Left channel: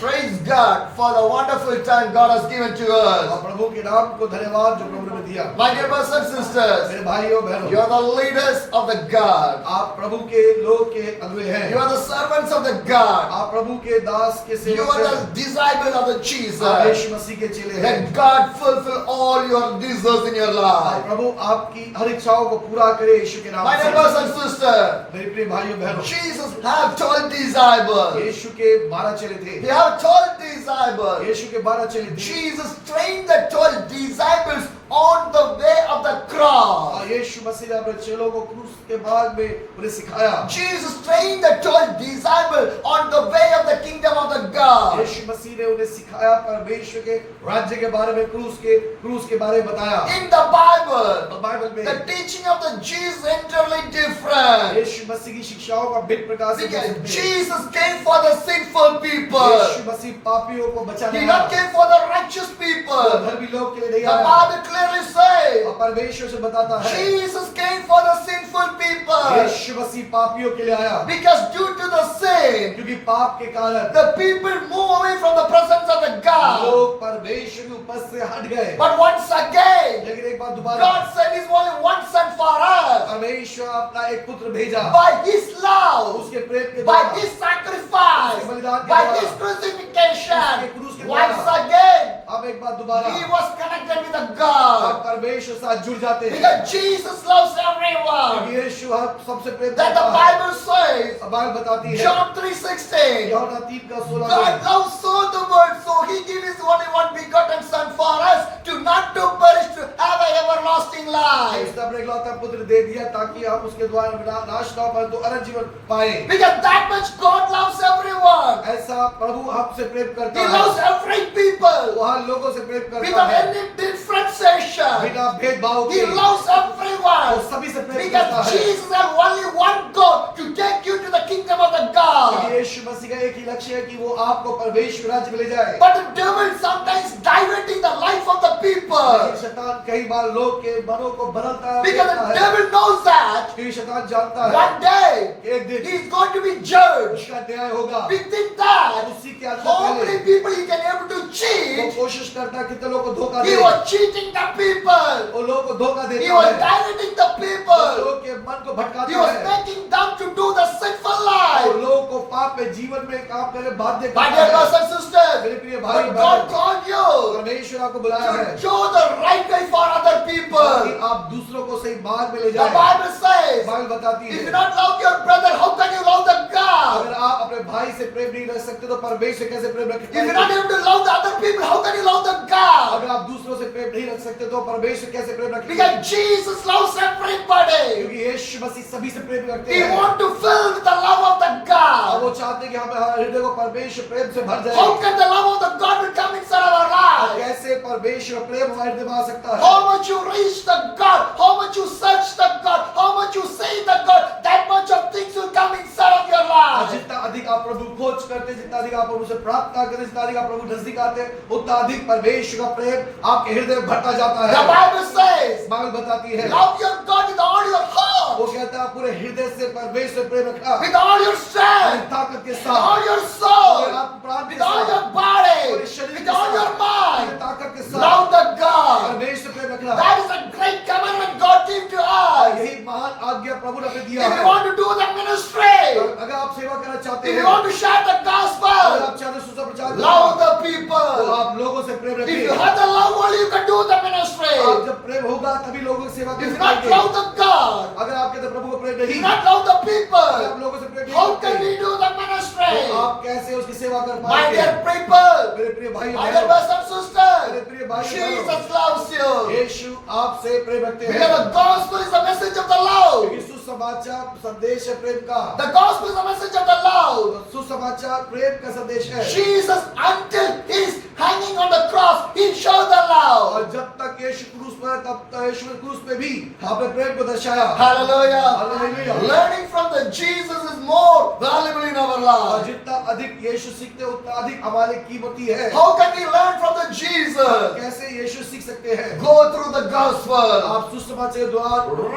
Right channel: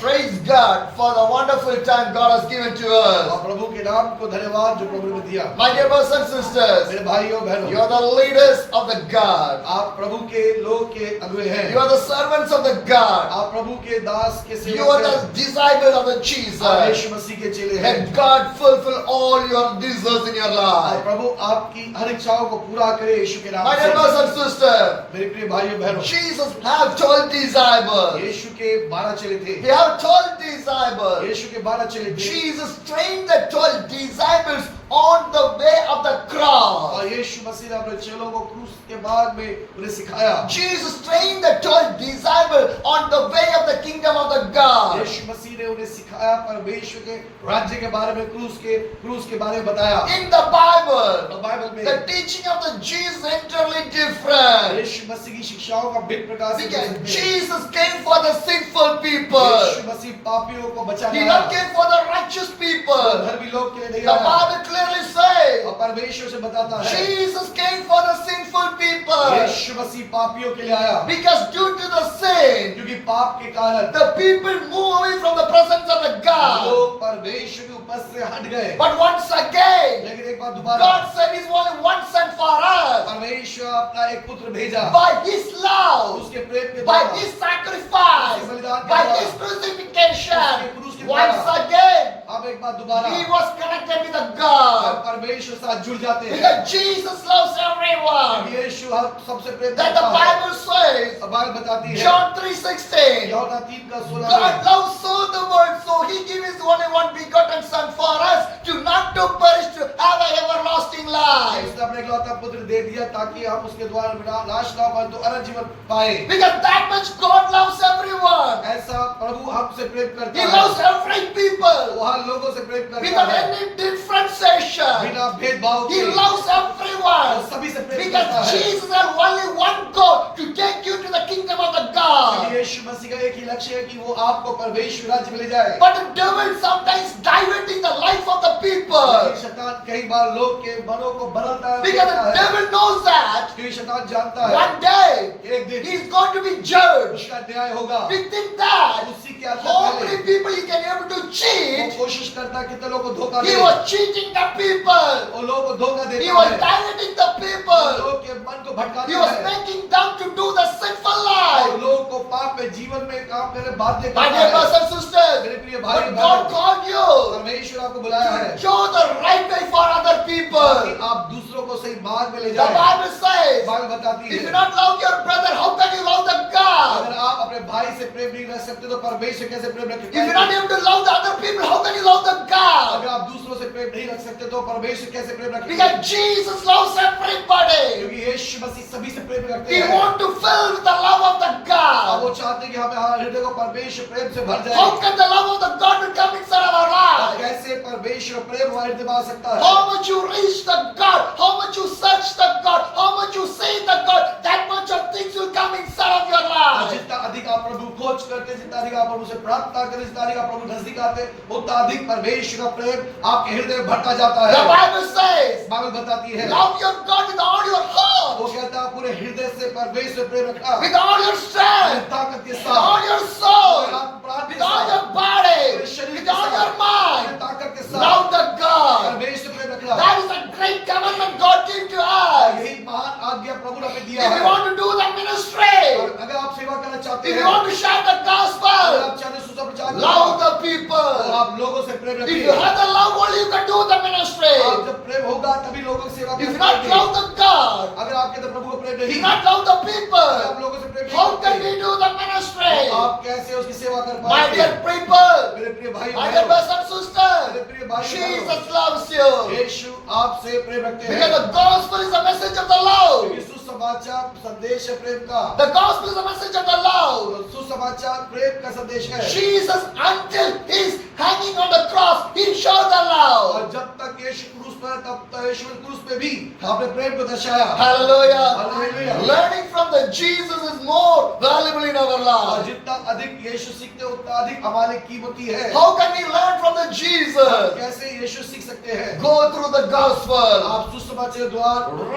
Praise God for the wonderful time God has given to us. और प्रभु के नाम को धन्यवाद जो प्रभु ने दिया। My dear brothers and sisters, मेरे भाइयों बहनों, you are the leaders of the God. आप प्रभु के लोग के अगुए हैं। You are the servants of the God. आप प्रभु के दास के You सेवक are हैं। the disciples of the आप Jesus. यीशु मसीह के चेले हैं। And God fulfill all your desires in your और life. प्रभु आपकी हर इच्छाओं को पूरा करे यीशु के नाम My dear से। brothers and sisters, मेरे प्रिय भाइयों बहनों, Jesus have 12 disciples. यीशु के 12 चेले थे। He have 12 disciples. यीशु के 12 चेले थे। Jesus trained the 12 disciples on the way of the cross. और यीशु मसीह ने अपने चेलों को क्रूस के मार्ग में उन्हें सिखाया। Jesus trained the 12 disciples on the way of the kingdom of the God. यीशु मसीह ने उन्हें सिखाया परमेश्वर के राज्य के बारे में, क्रूस के बारे में बताया। In the Bible, बाइबल में the teaching of the Jesus is entirely different. यीशु मसीह की शिक्षाओं का भिन्न प्रकार से Because विभिन्न है। Jesus came for the sinful people. यीशु मसीह पापियों को बचाने He आया। not came for the righteous वो people. धर्मी लोग के लिए नहीं The आया। Bible clearly says और परमेश्वर से बताता है Jesus came for the sinful people. यीशु मसीह पापियों के लिए आया। Because due to the sin, क्योंकि पाप के कारण the people move away from the presence of the God. लोग परमेश्वर के ऊपर से हट गए। But once again, लेकिन एक बार दोबारा God sent His only one son for us. परमेश्वर अपना एक पुत्र भेजा। By His love, उसके प्रेम के by द्वारा, His sacrifice, उसके बलिदान के by द्वारा, His उसके crucifixion. क्रूस के Once द्वारा, again, अब एक बार दोबारा He was connected with the हम God. परमेश्वर से साथ जुड़ जाते हैं। Because Jesus loves everyone. क्योंकि यीशु हर सबसे प्रेम That the करता है। Bible says, अब बाइबल बताती है John 3:16. यूहन्ना 3 का 16 God loves so the world, so He gave His only one begotten Son for us, to not to perish, to have an everlasting life. उसने अपने इकलौता पुत्र दे दिया ताकि हम उसके द्वारा नाश ना परंतु अनंत जीवन पाए। Because that much God loves everyone. ऐसा प्रभु हमसे प्रेम करता He है। loves every people वो हर लोगों से प्रेम करता without है any differentiation. बिना भेदभाव He के। loves वो everyone. सभी से प्रेम करता Because है। Jesus has only one goal, to take you to the kingdom of the God. यीशु मसीह का एक ही लक्ष्य है कि वो आपको परमेश्वर राज्य में ले जाए। But the devil sometimes diverting the life of the people. लेकिन शैतान कई बार लोग के मनों को बदलता है। Because the devil knows that क्योंकि शैतान जानता है one day एक दिन he is going to be judged. उसका न्याय होगा। We think that उसी के आगे how पहले many people he can able to वो cheat. कोशिश करता है कितने लोगों को धोखा He दे। was cheating the people. वो लोगों को धोखा He देता was है। directing the people. लोगों के मन को He भटकाता was है। making them to do the sinful और life. लोगों को पाप में जीवन में काम करने बाध्य My करता dear है। brothers and sisters, मेरे प्रिय भाई but God बहनों, called you परमेश्वर आपको बुलाया है to show the right way for other ताकि people. आप दूसरों को सही मार्ग में ले The जाएं। Bible says, बाइबल बताती if you है not love your brother, how can you love the God? अगर आप अपने भाई से प्रेम नहीं रख सकते तो परमेश्वर कैसे प्रेम रख If you're not पाएंगे? able to love the other people, how can you love the God? अगर आप दूसरों से प्रेम नहीं रख सकते तो परमेश्वर कैसे प्रेम रखेंगे? Because Jesus loves everybody. क्योंकि यीशु मसीह सभी से प्रेम रखते He हैं। wants to fill with the love of the और God. वो चाहते हैं कि हमारे हृदय को परमेश्वर प्रेम से भर जाए। How can the love of the God will come inside our और lives? कैसे परमेश्वर प्रेम हमारे हृदय में आ सकता है? How much you reach the God, how much you search the God, how much you say the God, that much of things will come inside of your और life. जितना अधिक आप प्रभु खोज करते, जितना अधिक आप प्रभु से प्रार्थना करते, जितना अधिक आप प्रभु नजदीक आते, उतना अधिक परमेश्वर का प्रेम आपके हृदय में भरता जाता The है। Bible says, बाइबल बताती है love your God with all your heart, वो कहता है पूरे हृदय से परमेश्वर प्रेम रखना, with all your strength, ताकत के with साथ, all your soul, पूरे आत्म प्राण के with all साथ, your body, पूरे शरीर with के all your साथ, mind. पूरे ताकत के साथ Love the God. परमेश्वर प्रेम रखना। That is a great commandment God gave to और us. यही महान आज्ञा प्रभु ने हमें दिया If है। you want to do the ministry, और अगर आप सेवा करना चाहते if हैं, you want to share the अगर gospel, आप चाहते हैं सुसमाचार love करना, the तो people. आप लोगों से प्रेम If रखिए। you have the love, only you can do the ministry. आप जब प्रेम होगा तभी लोगों की सेवा If कर you not पाएंगे। love the God, अगर आपके अंदर प्रभु को प्रेम if नहीं, you not love the अगर people, आप लोगों से प्रेम नहीं how can करते, we do the तो ministry? आप कैसे उसकी सेवा कर My पाएंगे? dear people, मेरे प्रिय भाई my dear बहनों, brothers and मेरे sisters, प्रिय भाई बहनों, Jesus loves you. यीशु आपसे प्रेम रखते हैं। Because the gospel is the message of the love. क्योंकि सुसमाचार संदेश है प्रेम का। The gospel is the message of the love. सुसमाचार प्रेम का संदेश है। Jesus, until he's hanging on the cross, he showed the love. और जब तक यीशु क्रूस पर है, तब तक यीशु ने क्रूस पे भी अपने प्रेम को दर्शाया। Hallelujah. Hallelujah. Learning from the Jesus is more valuable in our और lives. जितना अधिक यीशु सीखते हैं, उतना अधिक हमारे कीमती है। How can we learn from the Jesus? कैसे यीशु सीख सकते हैं? Go through the gospel. आप सुसमाचार द्वारा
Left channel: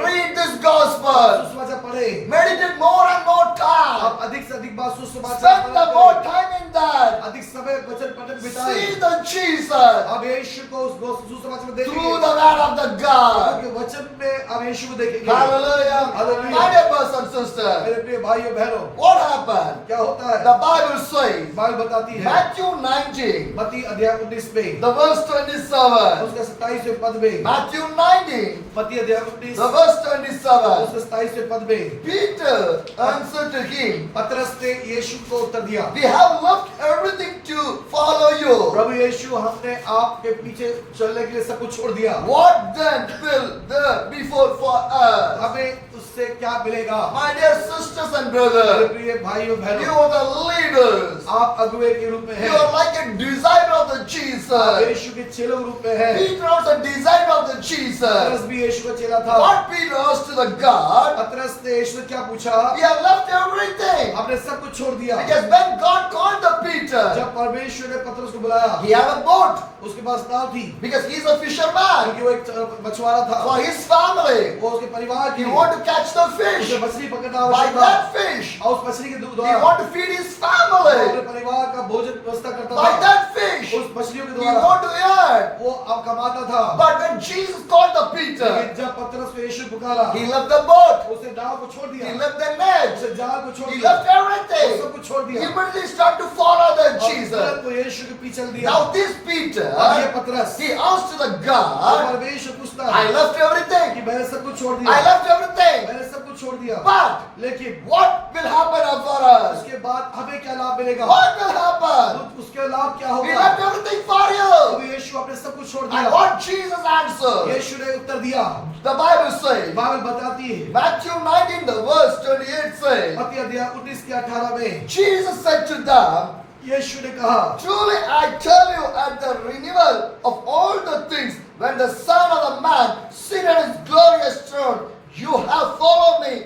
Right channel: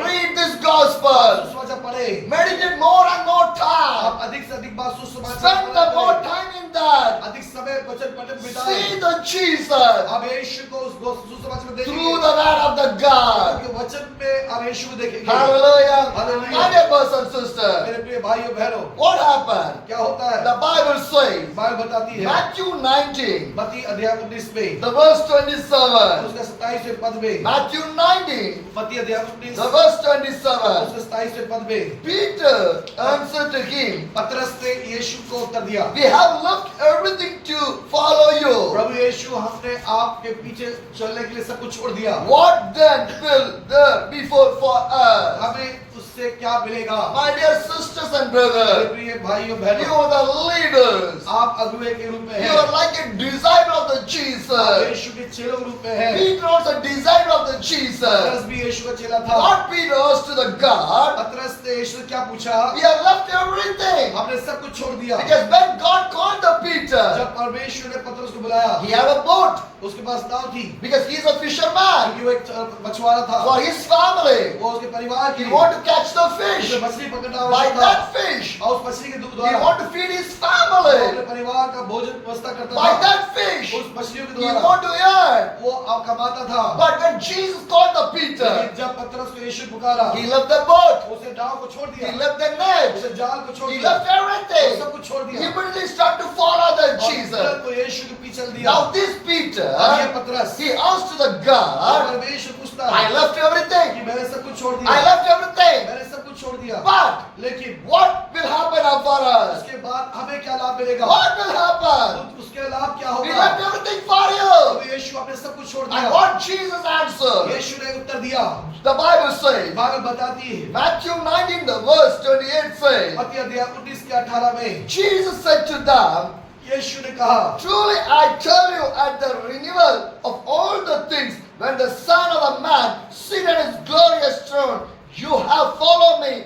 Read this gospel. सुसमाचार पढ़े। Meditate more and more time. आप अधिक से अधिक बात सुसमाचार Spend the more पढ़ें। time in that. अधिक समय पटक बिताए। See the Jesus अब यीशु को उस सुसमाचार में through देखेंगे, the word of the God. क्योंकि वचन में अब यीशु को देखेंगे। Hallelujah. Hallelujah. My dear brothers and sisters, मेरे प्रिय भाइयों बहनों, what happened? क्या होता है? The Bible says, बाइबल बताती है Matthew 19, मत्ती अध्याय 19 में the verse 27. उसका 27वें पद में, Matthew 19, मत्ती अध्याय 19 the verse 27. उसका 27वें पद में, Peter answered to him, पतरस ने यीशु को उत्तर दिया, we have left everything to follow you. प्रभु यीशु हमने आपके पीछे चलने के लिए सब कुछ छोड़ दिया, What then will there be for us? हमें उससे क्या मिलेगा? My dear sisters and मेरे brothers, प्रिय भाइयों you बहनों, are the leaders. आप अगुवे के रूप में You हैं, are like a disciple of the आप Jesus. यीशु के चेलों के रूप में हैं। Peter was a disciple of the पतरस Jesus. भी यीशु का चेला था। What Peter asked to the God, पतरस ने यीशु से क्या पूछा? we have left everything. हमने सब कुछ छोड़ दिया। Because when God called the Peter, जब परमेश्वर ने पतरस को बुलाया, he had a boat उसके पास नाव थी, because he's a fisherman. क्योंकि वो एक मछुआरा था। For his family, वो उसके परिवार he की want to catch the उसे fish. मछली पकड़ना By आवश्यक था, that fish, और उस मछली के he द्वारा want to feed his वो अपने family. परिवार का भोजन व्यवस्था करता By था। that fish, उस मछलियों के he द्वारा want to earn. वो अब कमाता था। But when Jesus called the Peter, लेकिन जब पतरस को यीशु पुकारा, he left the boat, उसे नाव को छोड़ दिया, he left the net, उसे जाल को छोड़ he दिया, left वो everything. सब कुछ छोड़ He दिया, immediately started to follow the और Jesus. तुरंत वो यीशु के पीछे चल दिया। Now this Peter, अब ये पतरस, he asked to the वो God, परमेश्वर पूछता I है left कि everything. मैंने सब कुछ छोड़ I दिया, left everything. मैंने सब कुछ छोड़ दिया, But लेकिन what will happen now for us? उसके बाद हमें क्या लाभ मिलेगा? What will happen? उसके लाभ क्या We होगा? left everything for अब you. यीशु आपने सब कुछ छोड़ And दिया। what Jesus answered? यीशु ने उत्तर दिया, The Bible says, बाइबल बताती है, Matthew 19, the verse 28 says, मत्ती अध्याय 19 के 18 में Jesus said to them, यीशु ने कहा, truly I tell you, at the renewal of all the things, when the Son of the Man sit on his glorious throne, you have followed me.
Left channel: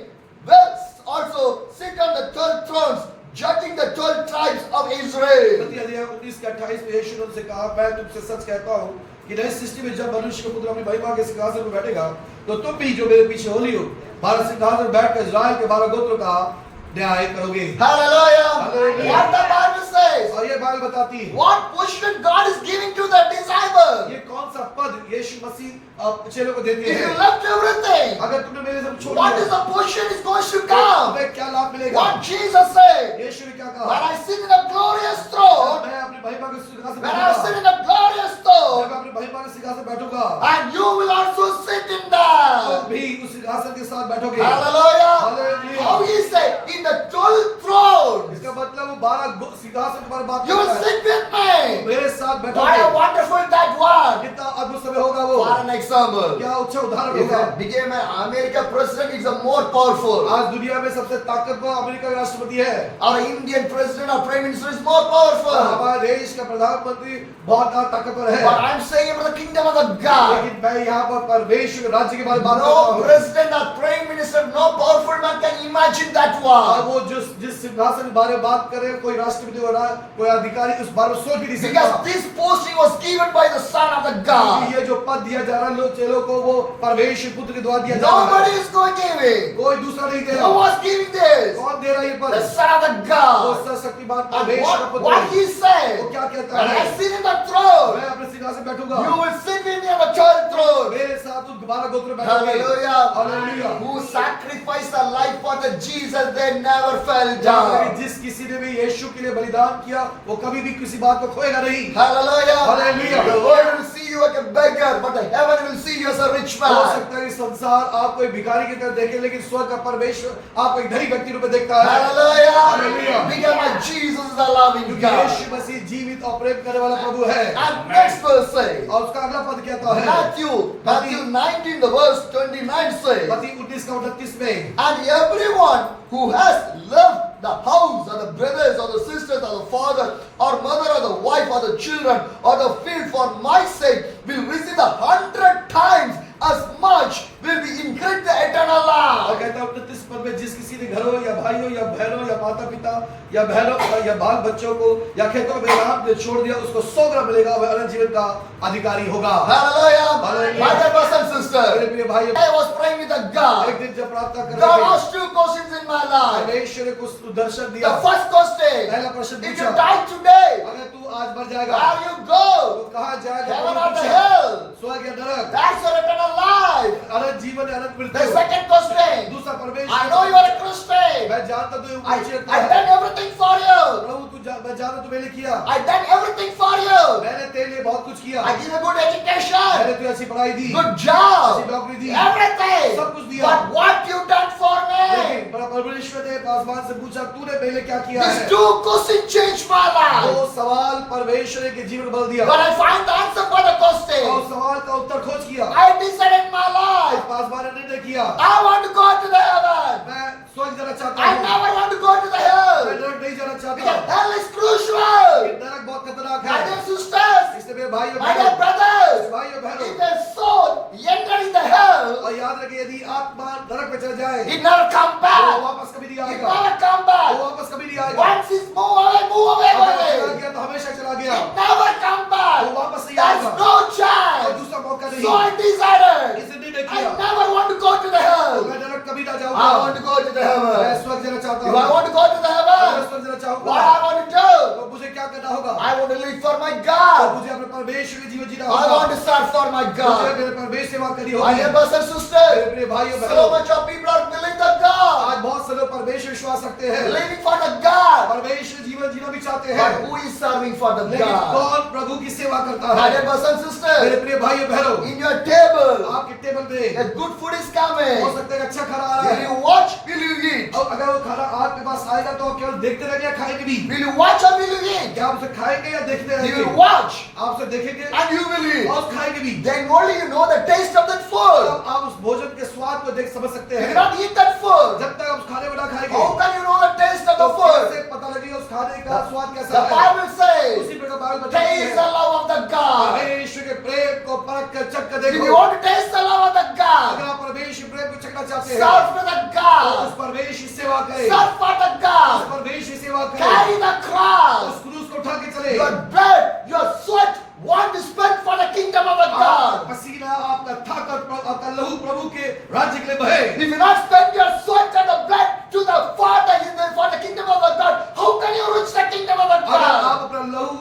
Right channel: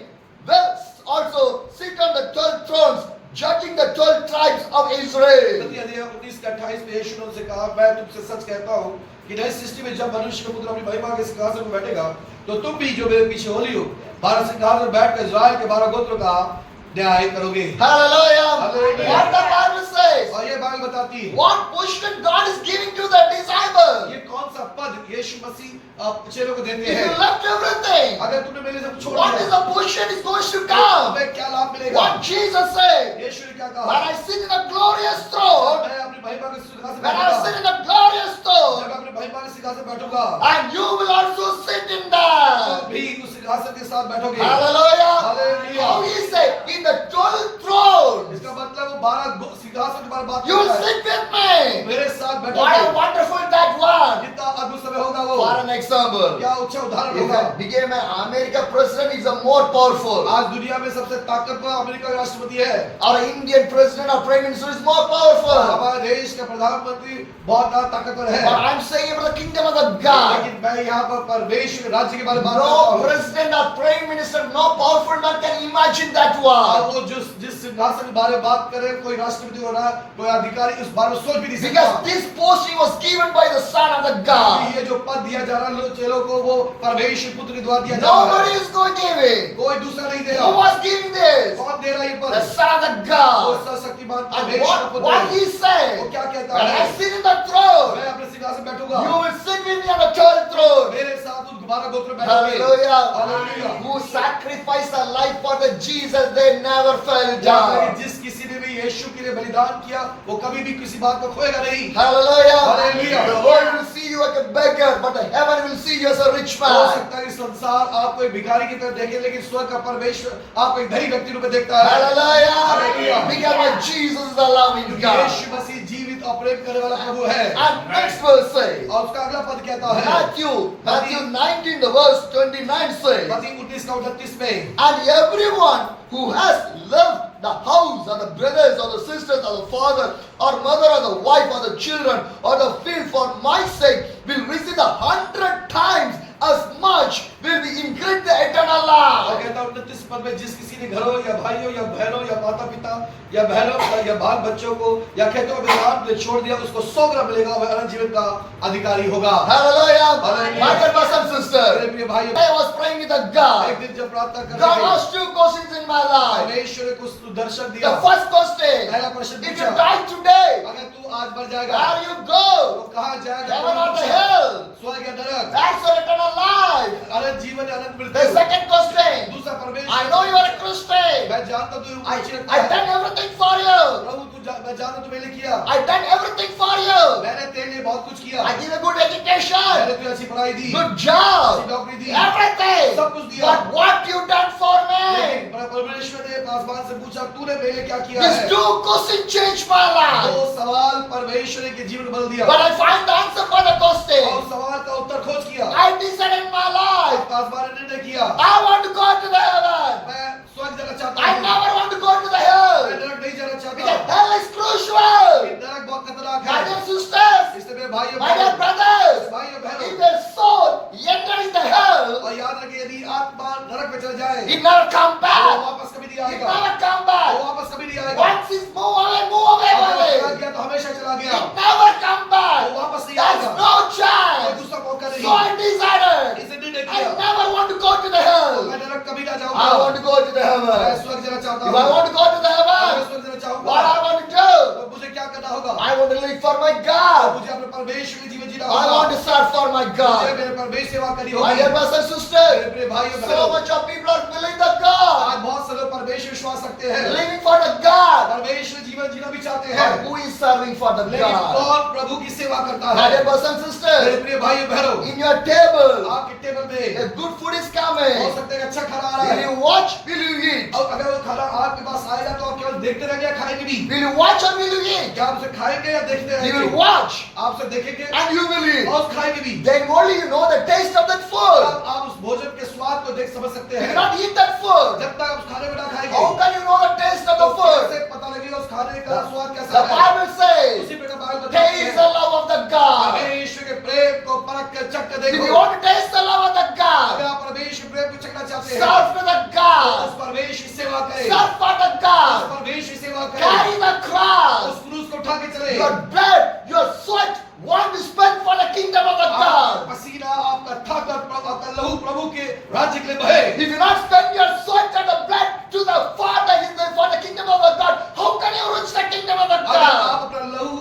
Will also sit on the 12 thrones, judging the 12 tribes of Israel. मत्ती अध्याय 19 के 28 में यीशु ने उनसे कहा, मैं तुमसे सच कहता हूँ कि नई सृष्टि में जब मनुष्य का पुत्र अपनी महिमा के सिंहासन पर बैठेगा, तो तुम भी जो मेरे पीछे होली हो, भारत सिंहासन पर बैठकर इस्राएल के 12 गोत्र का न्याय करोगे। Hallelujah. Hallelujah. What the Bible says? और ये बाइबल बताती है, What position God is giving to the disciple? ये कौन सा पद यीशु मसीह चेलों को देते If you हैं? left everything, अगर तुमने मेरे सब छोड़ what is दिया, the position is going to तो come? तुम्हें क्या लाभ मिलेगा? What Jesus said, यीशु ने क्या when कहा? I sit in a glorious throne, मैं अपनी महिमा के सिंहासन when पर I sit बैठूंगा, in a glorious जब throne, मैं अपनी महिमा के सिंहासन पर बैठूंगा, and you will also sit in तुम that. भी उस सिंहासन के साथ बैठोगे। Hallelujah. Hallelujah. How he said, in the 12 thrones, इसका मतलब 12 सिंहासन के बारे में बात you will करता है। sit with me. मेरे साथ What a बैठोगे। wonderful that one. कितना अद्भुत समय होगा वो। For an example, क्या अच्छा उदाहरण if होगा। I became an American president, is a more powerful. आज दुनिया में सबसे ताकतवर अमेरिका का राष्ट्रपति है। Our Indian president or prime minister is more powerful. हमारे देश का प्रधानमंत्री बहुत ताकतवर है। But I'm saying about the kingdom of the God. लेकिन मैं यहाँ पर परमेश्वर राज्य के बारे में बात करता No हूँ। president or prime minister, no powerful man can imagine that और one. वो जिस सिंहासन के बारे में बात करे, कोई राष्ट्रपति हो रहा, कोई अधिकारी उस बारे में सोच भी नहीं सकता। Because this posting was given by the Son of the God. ये जो पद दिया जा रहा है चेलों को, वो परमेश्वर पुत्र के द्वारा दिया जा रहा Nobody है। is going to give it. कोई दूसरा नहीं दे Who रहा। was giving this? कौन दे रहा है ये पद? The Son of the वो God. सर्वशक्तिमान And परमेश्वर का पुत्र what है। he said, वो क्या कहता when है? I sit in the throne, मैं अपने सिंहासन पे बैठूंगा, you will sit with me on the 12th throne. मेरे साथ उस 12 गोत्र में बैठोगे। Hallelujah. Hallelujah. Who sacrificed their life for the Jesus, they never fell जहाँ down. जिस किसी ने भी यीशु के लिए बलिदान किया, वो कभी भी किसी बात को खोएगा नहीं। Hallelujah. Hallelujah. The world will see you like a beggar, but the heaven will see you as a rich हो man. सकता है कि संसार आपको एक भिखारी की तरह देखे, लेकिन स्वर्ग का परमेश्वर आपको एक धनी व्यक्ति रूप में देखता है। Hallelujah. Hallelujah. Because my Jesus is the loving God. यीशु मसीह जीवित और प्रेम करने वाला प्रभु है। And next verse says, और उसका अगला पद कहता है, Matthew 19, the verse 29 says, मत्ती 19 का 29 में, and everyone who has loved the house or the brothers or the sisters or the father or mother or the wife or the children or the field for my sake will receive 100 times as much will be increased the eternal और life. कहता है 29 पद में, जिस किसी ने घरों या भाइयों या बहनों या माता पिता या बहनों या बाल बच्चों को या खेतों में दान में छोड़ दिया, उसको 100 गुना मिलेगा और वह अनंत जीवन का अधिकारी होगा। Hallelujah. Hallelujah. My dear brothers and मेरे sisters, प्रिय भाइयों, I was praying with the एक God. दिन जब प्रार्थना कर God रहे थे, asked 2 questions in my life. परमेश्वर ने कुछ दर्शन दिया। The first question, पहला प्रश्न if पूछा, you die today, अगर तू आज भर जाएगा। Where you go? तो कहाँ जाएगा? Heaven or the hell? स्वर्ग या नरक? That's your eternal life. अनंत जीवन अनंत The मृत्यु। second question. दूसरा परमेश्वर, I know you are a Christian. मैं जानता तू I done everything for you. प्रभु मैं जानता तू मैंने किया, I done everything for you. मैंने तेरे लिए बहुत कुछ किया, I give a good मैंने education, तुझे अच्छी पढ़ाई दी, good अच्छी job, नौकरी दी, everything. सब कुछ दिया। But what you done for me? लेकिन परमेश्वर ने आसमान से पूछा तूने मेरे लिए क्या किया These है? two questions changed my life. दो सवाल परमेश्वर के जीवन बदल दिया। But I find the answer for the और question. सवाल का उत्तर खोज किया। I decided in my life. आसमान ने निर्णय किया, I want to go to the heaven. मैं स्वर्ग जाना चाहता I हूँ, never want to go to the मैं hell. नरक नहीं जाना चाहता। Because hell is crucial. नरक बहुत खतरनाक My है। dear sisters, इसलिए मेरे भाई और my dear brothers, भाई और बहनों, if a soul entering the hell, और याद रखिए यदि आत्मा नरक में चला जाए it never come वो back. वापस कभी नहीं It आएगा, never come वो back. वापस कभी नहीं आएगा। Once it's move away, अगर चला away. गया तो हमेशा चला गया, It never come वो back. वापस नहीं There's आएगा, no कोई chance. दूसरा मौका नहीं। So I decided, इसे निर्णय I किया, never want to go to the मैं hell. नरक कभी ना I जाऊंगा, want to go to the मैं heaven. स्वर्ग जाना चाहता If हूँ। I want to go to the अगर मैं heaven, स्वर्ग जाना चाहूंगा what I want to do? तो मुझे क्या करना होगा? I want to live for my तो God. मुझे अपने परमेश्वर में जीवन जीना I want होगा, to serve for my मुझे God. मेरे परमेश्वर सेवा करनी My होगी। dear brothers and मेरे sisters, प्रिय भाई और so बहनों, much of people are believing the God, आज बहुत से लोग परमेश्वर विश्वास रखते हैं, living for the God. परमेश्वर जीवन जीना भी चाहते But हैं, who is serving for the लेकिन God? कौन प्रभु की सेवा करता My dear है? brothers and मेरे sisters, प्रिय भाई और बहनों, in your table, आपके टेबल पे a good food is हो coming. सकता है अच्छा खाना आ रहा Will है, you watch? Will you eat? और अगर वो खाना आपके पास आएगा तो आप केवल देखते रहेंगे या खाएंगे भी? Will you watch or will you eat? क्या आप उसे खाएंगे या देखते You रहेंगे? will watch आप उसे देखेंगे and you will eat. और खाएंगे भी। Then only you know the taste of that food. आप उस भोजन के स्वाद को देख समझ सकते You हैं। cannot eat that food. जब तक आप उस खाने को ना खाएंगे How can you know the taste of तो the food? कैसे पता लगेगा उस खाने का स्वाद कैसा The है? Bible says, उसी प्रकार बाइबल बताती taste है, the love of the God. परमेश्वर के प्रेम को परख कर चख कर If you देखो। want to taste the love of the अगर God, आप परमेश्वर प्रेम को चखना चाहते हैं serve to the तो God. उस परमेश्वर की सेवा करें, Serve for the उस God. परमेश्वर की सेवा करें, Carry the cross. उस क्रूस को उठा के चले। Your blood, your sweat, want to spend for the kingdom of the आपका God. पसीना, आपका थक और आपका लहू प्रभु के राज्य के लिए बहे। If you not spend your sweat and the blood to the Father for the kingdom of the God, how can you reach the kingdom of the अगर आप God? अपना लहू,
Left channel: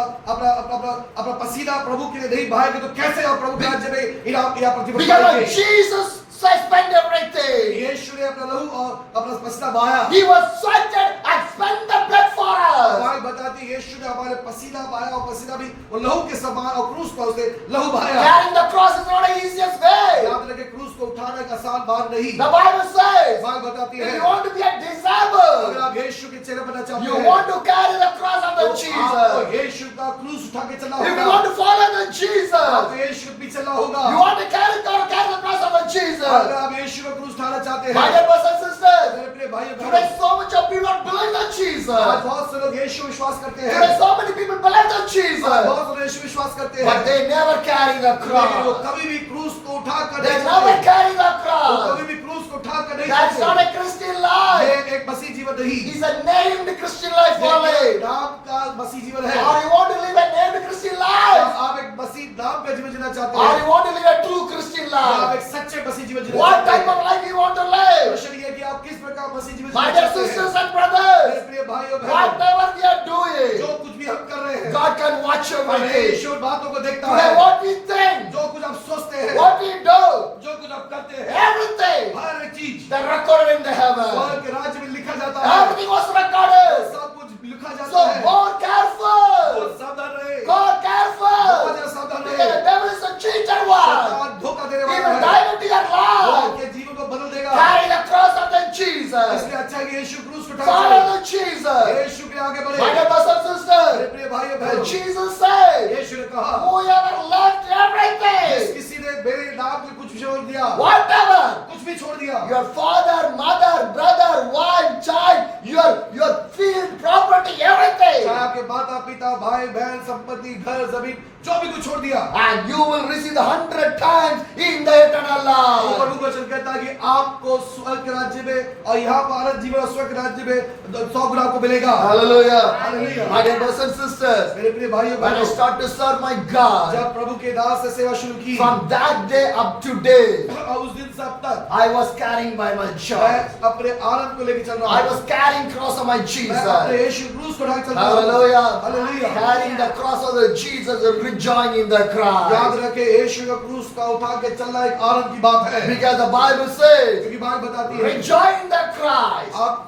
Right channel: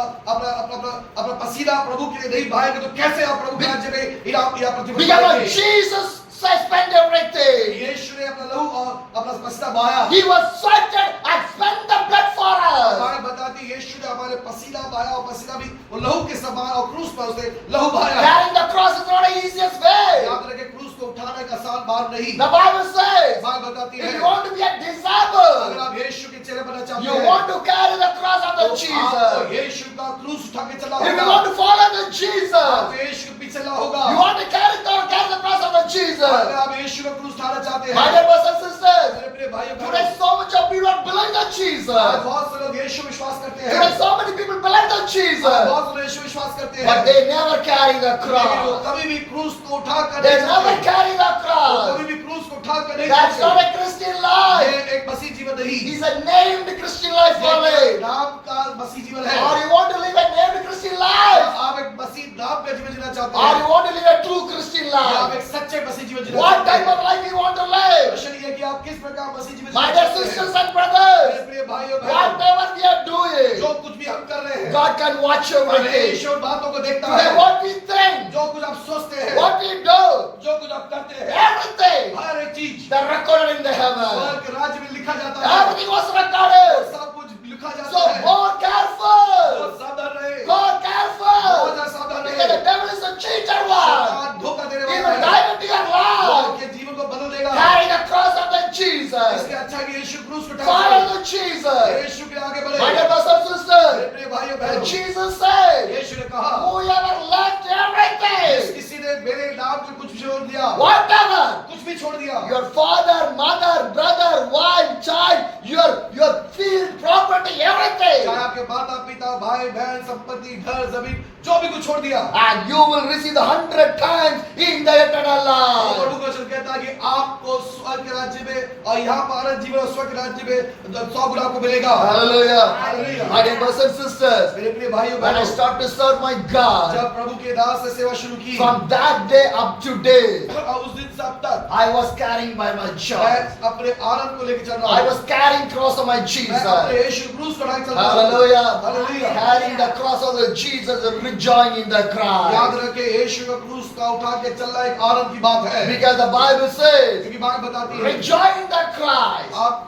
अपना पसीना प्रभु के लिए नहीं बहाएंगे तो कैसे आप प्रभु के राज्य में इनाम या प्रतिफल Because पाएंगे? Jesus spent everything. यीशु ने अपना लहू और अपना पसीना बहाया। He was sweated and spent the blood for us. Bible बताती है यीशु ने हमारे पसीना बहाया और पसीना भी वो लहू के समान और क्रूस पर उसने लहू बहाया। Carrying the cross is not the easiest way. याद रखें क्रूस को उठाना एक आसान बात नहीं। The Bible says, बाइबल बताती if है you want to be a अगर disciple, आप यीशु के चेले बनना चाहते you हैं want to carry the cross of तो the आपको Jesus. यीशु का क्रूस उठा के चलना If you होगा। want to follow the आपको Jesus, यीशु के पीछे चलना होगा। you want to carry the cross of the अगर Jesus. आप यीशु का क्रूस उठाना चाहते My हैं dear brothers and sisters, मेरे प्रिय भाई और today बहनों, so much of people are believing the आज Jesus. बहुत से लोग यीशु विश्वास करते हैं, Today so many people believe the आज Jesus. बहुत से लोग यीशु विश्वास करते हैं, But they never carry the लेकिन वो cross. कभी भी क्रूस को उठा कर They नहीं never चलते। carry the वो cross. कभी भी क्रूस को उठा कर नहीं That's not चलते। a Christian life. ये एक मसीह जीवन नहीं, It's a named Christian life ये only. एक नाम का मसीह जीवन है। Or you want to live a named Christian क्या life? आप एक मसीह नाम का जीवन जीना चाहते Or हैं, you want to live a true Christian या आप life? एक सच्चे मसीह जीवन जीना What चाहते type हैं? of life you want to live? प्रश्न ये है कि आप किस प्रकार मसीह जीवन My जीना dear चाहते हैं? sisters and मेरे brothers, प्रिय भाइयों बहनों, whatever we are doing, जो कुछ भी हम कर रहे हैं, God can watch everything. परमेश्वर बातों को देखता Today है। what we think, जो कुछ आप सोचते हैं, what we do, जो कुछ आप करते हैं, everything, हर एक चीज they're recorded in the heaven. स्वर्ग के राज्य में लिखा जाता है। Everything was recorded. सब कुछ लिखा जाता So है। more careful. बहुत सावधान रहे, More बहुत careful. ज्यादा सावधान Because the रहे। devil is a cheater one. शैतान धोखा देने He वाला will है, dive into your वो life. आपके जीवन को बदल देगा। Carry the cross of the Jesus. इसलिए अच्छा है कि यीशु क्रूस को उठा Follow के the Jesus. यीशु के आगे बढ़े। My dear brothers and मेरे sisters, प्रिय भाइयों and बहनों, Jesus said, यीशु ने कहा, whoever left जिस everything, किसी ने मेरे नाम से कुछ भी छोड़ दिया, whatever, कुछ भी छोड़ दिया, your father, mother, brother, wife, child, your field, property, चाहे everything, आपके माता पिता भाई बहन संपत्ति घर जमीन जो भी कुछ छोड़ दिया, and you will receive 100 times in the eternal तो life. प्रभु का वचन कहता है कि आपको स्वर्ग के राज्य में और यहाँ पर अनंत जीवन और स्वर्ग के राज्य में 100 गुना आपको मिलेगा। Hallelujah. Hallelujah. My dear brothers and sisters, मेरे प्रिय भाइयों when I बहनों, start to serve my God, जब प्रभु के दास से सेवा शुरू की, from that day up to date, और उस दिन से अब तक I was carrying by my मैं joy. अपने आनंद को लेकर चल रहा I हूँ। was carrying cross of my मैं Jesus. अपने यीशु क्रूस को ढाक चल रहा हूँ। Hallelujah. Hallelujah. Carrying the cross of the Jesus, rejoicing in the याद Christ. रखे यीशु का क्रूस का उठा के चलना एक आनंद की बात है, Because the Bible says, क्योंकि बाइबल बताती है rejoice in the Christ. आप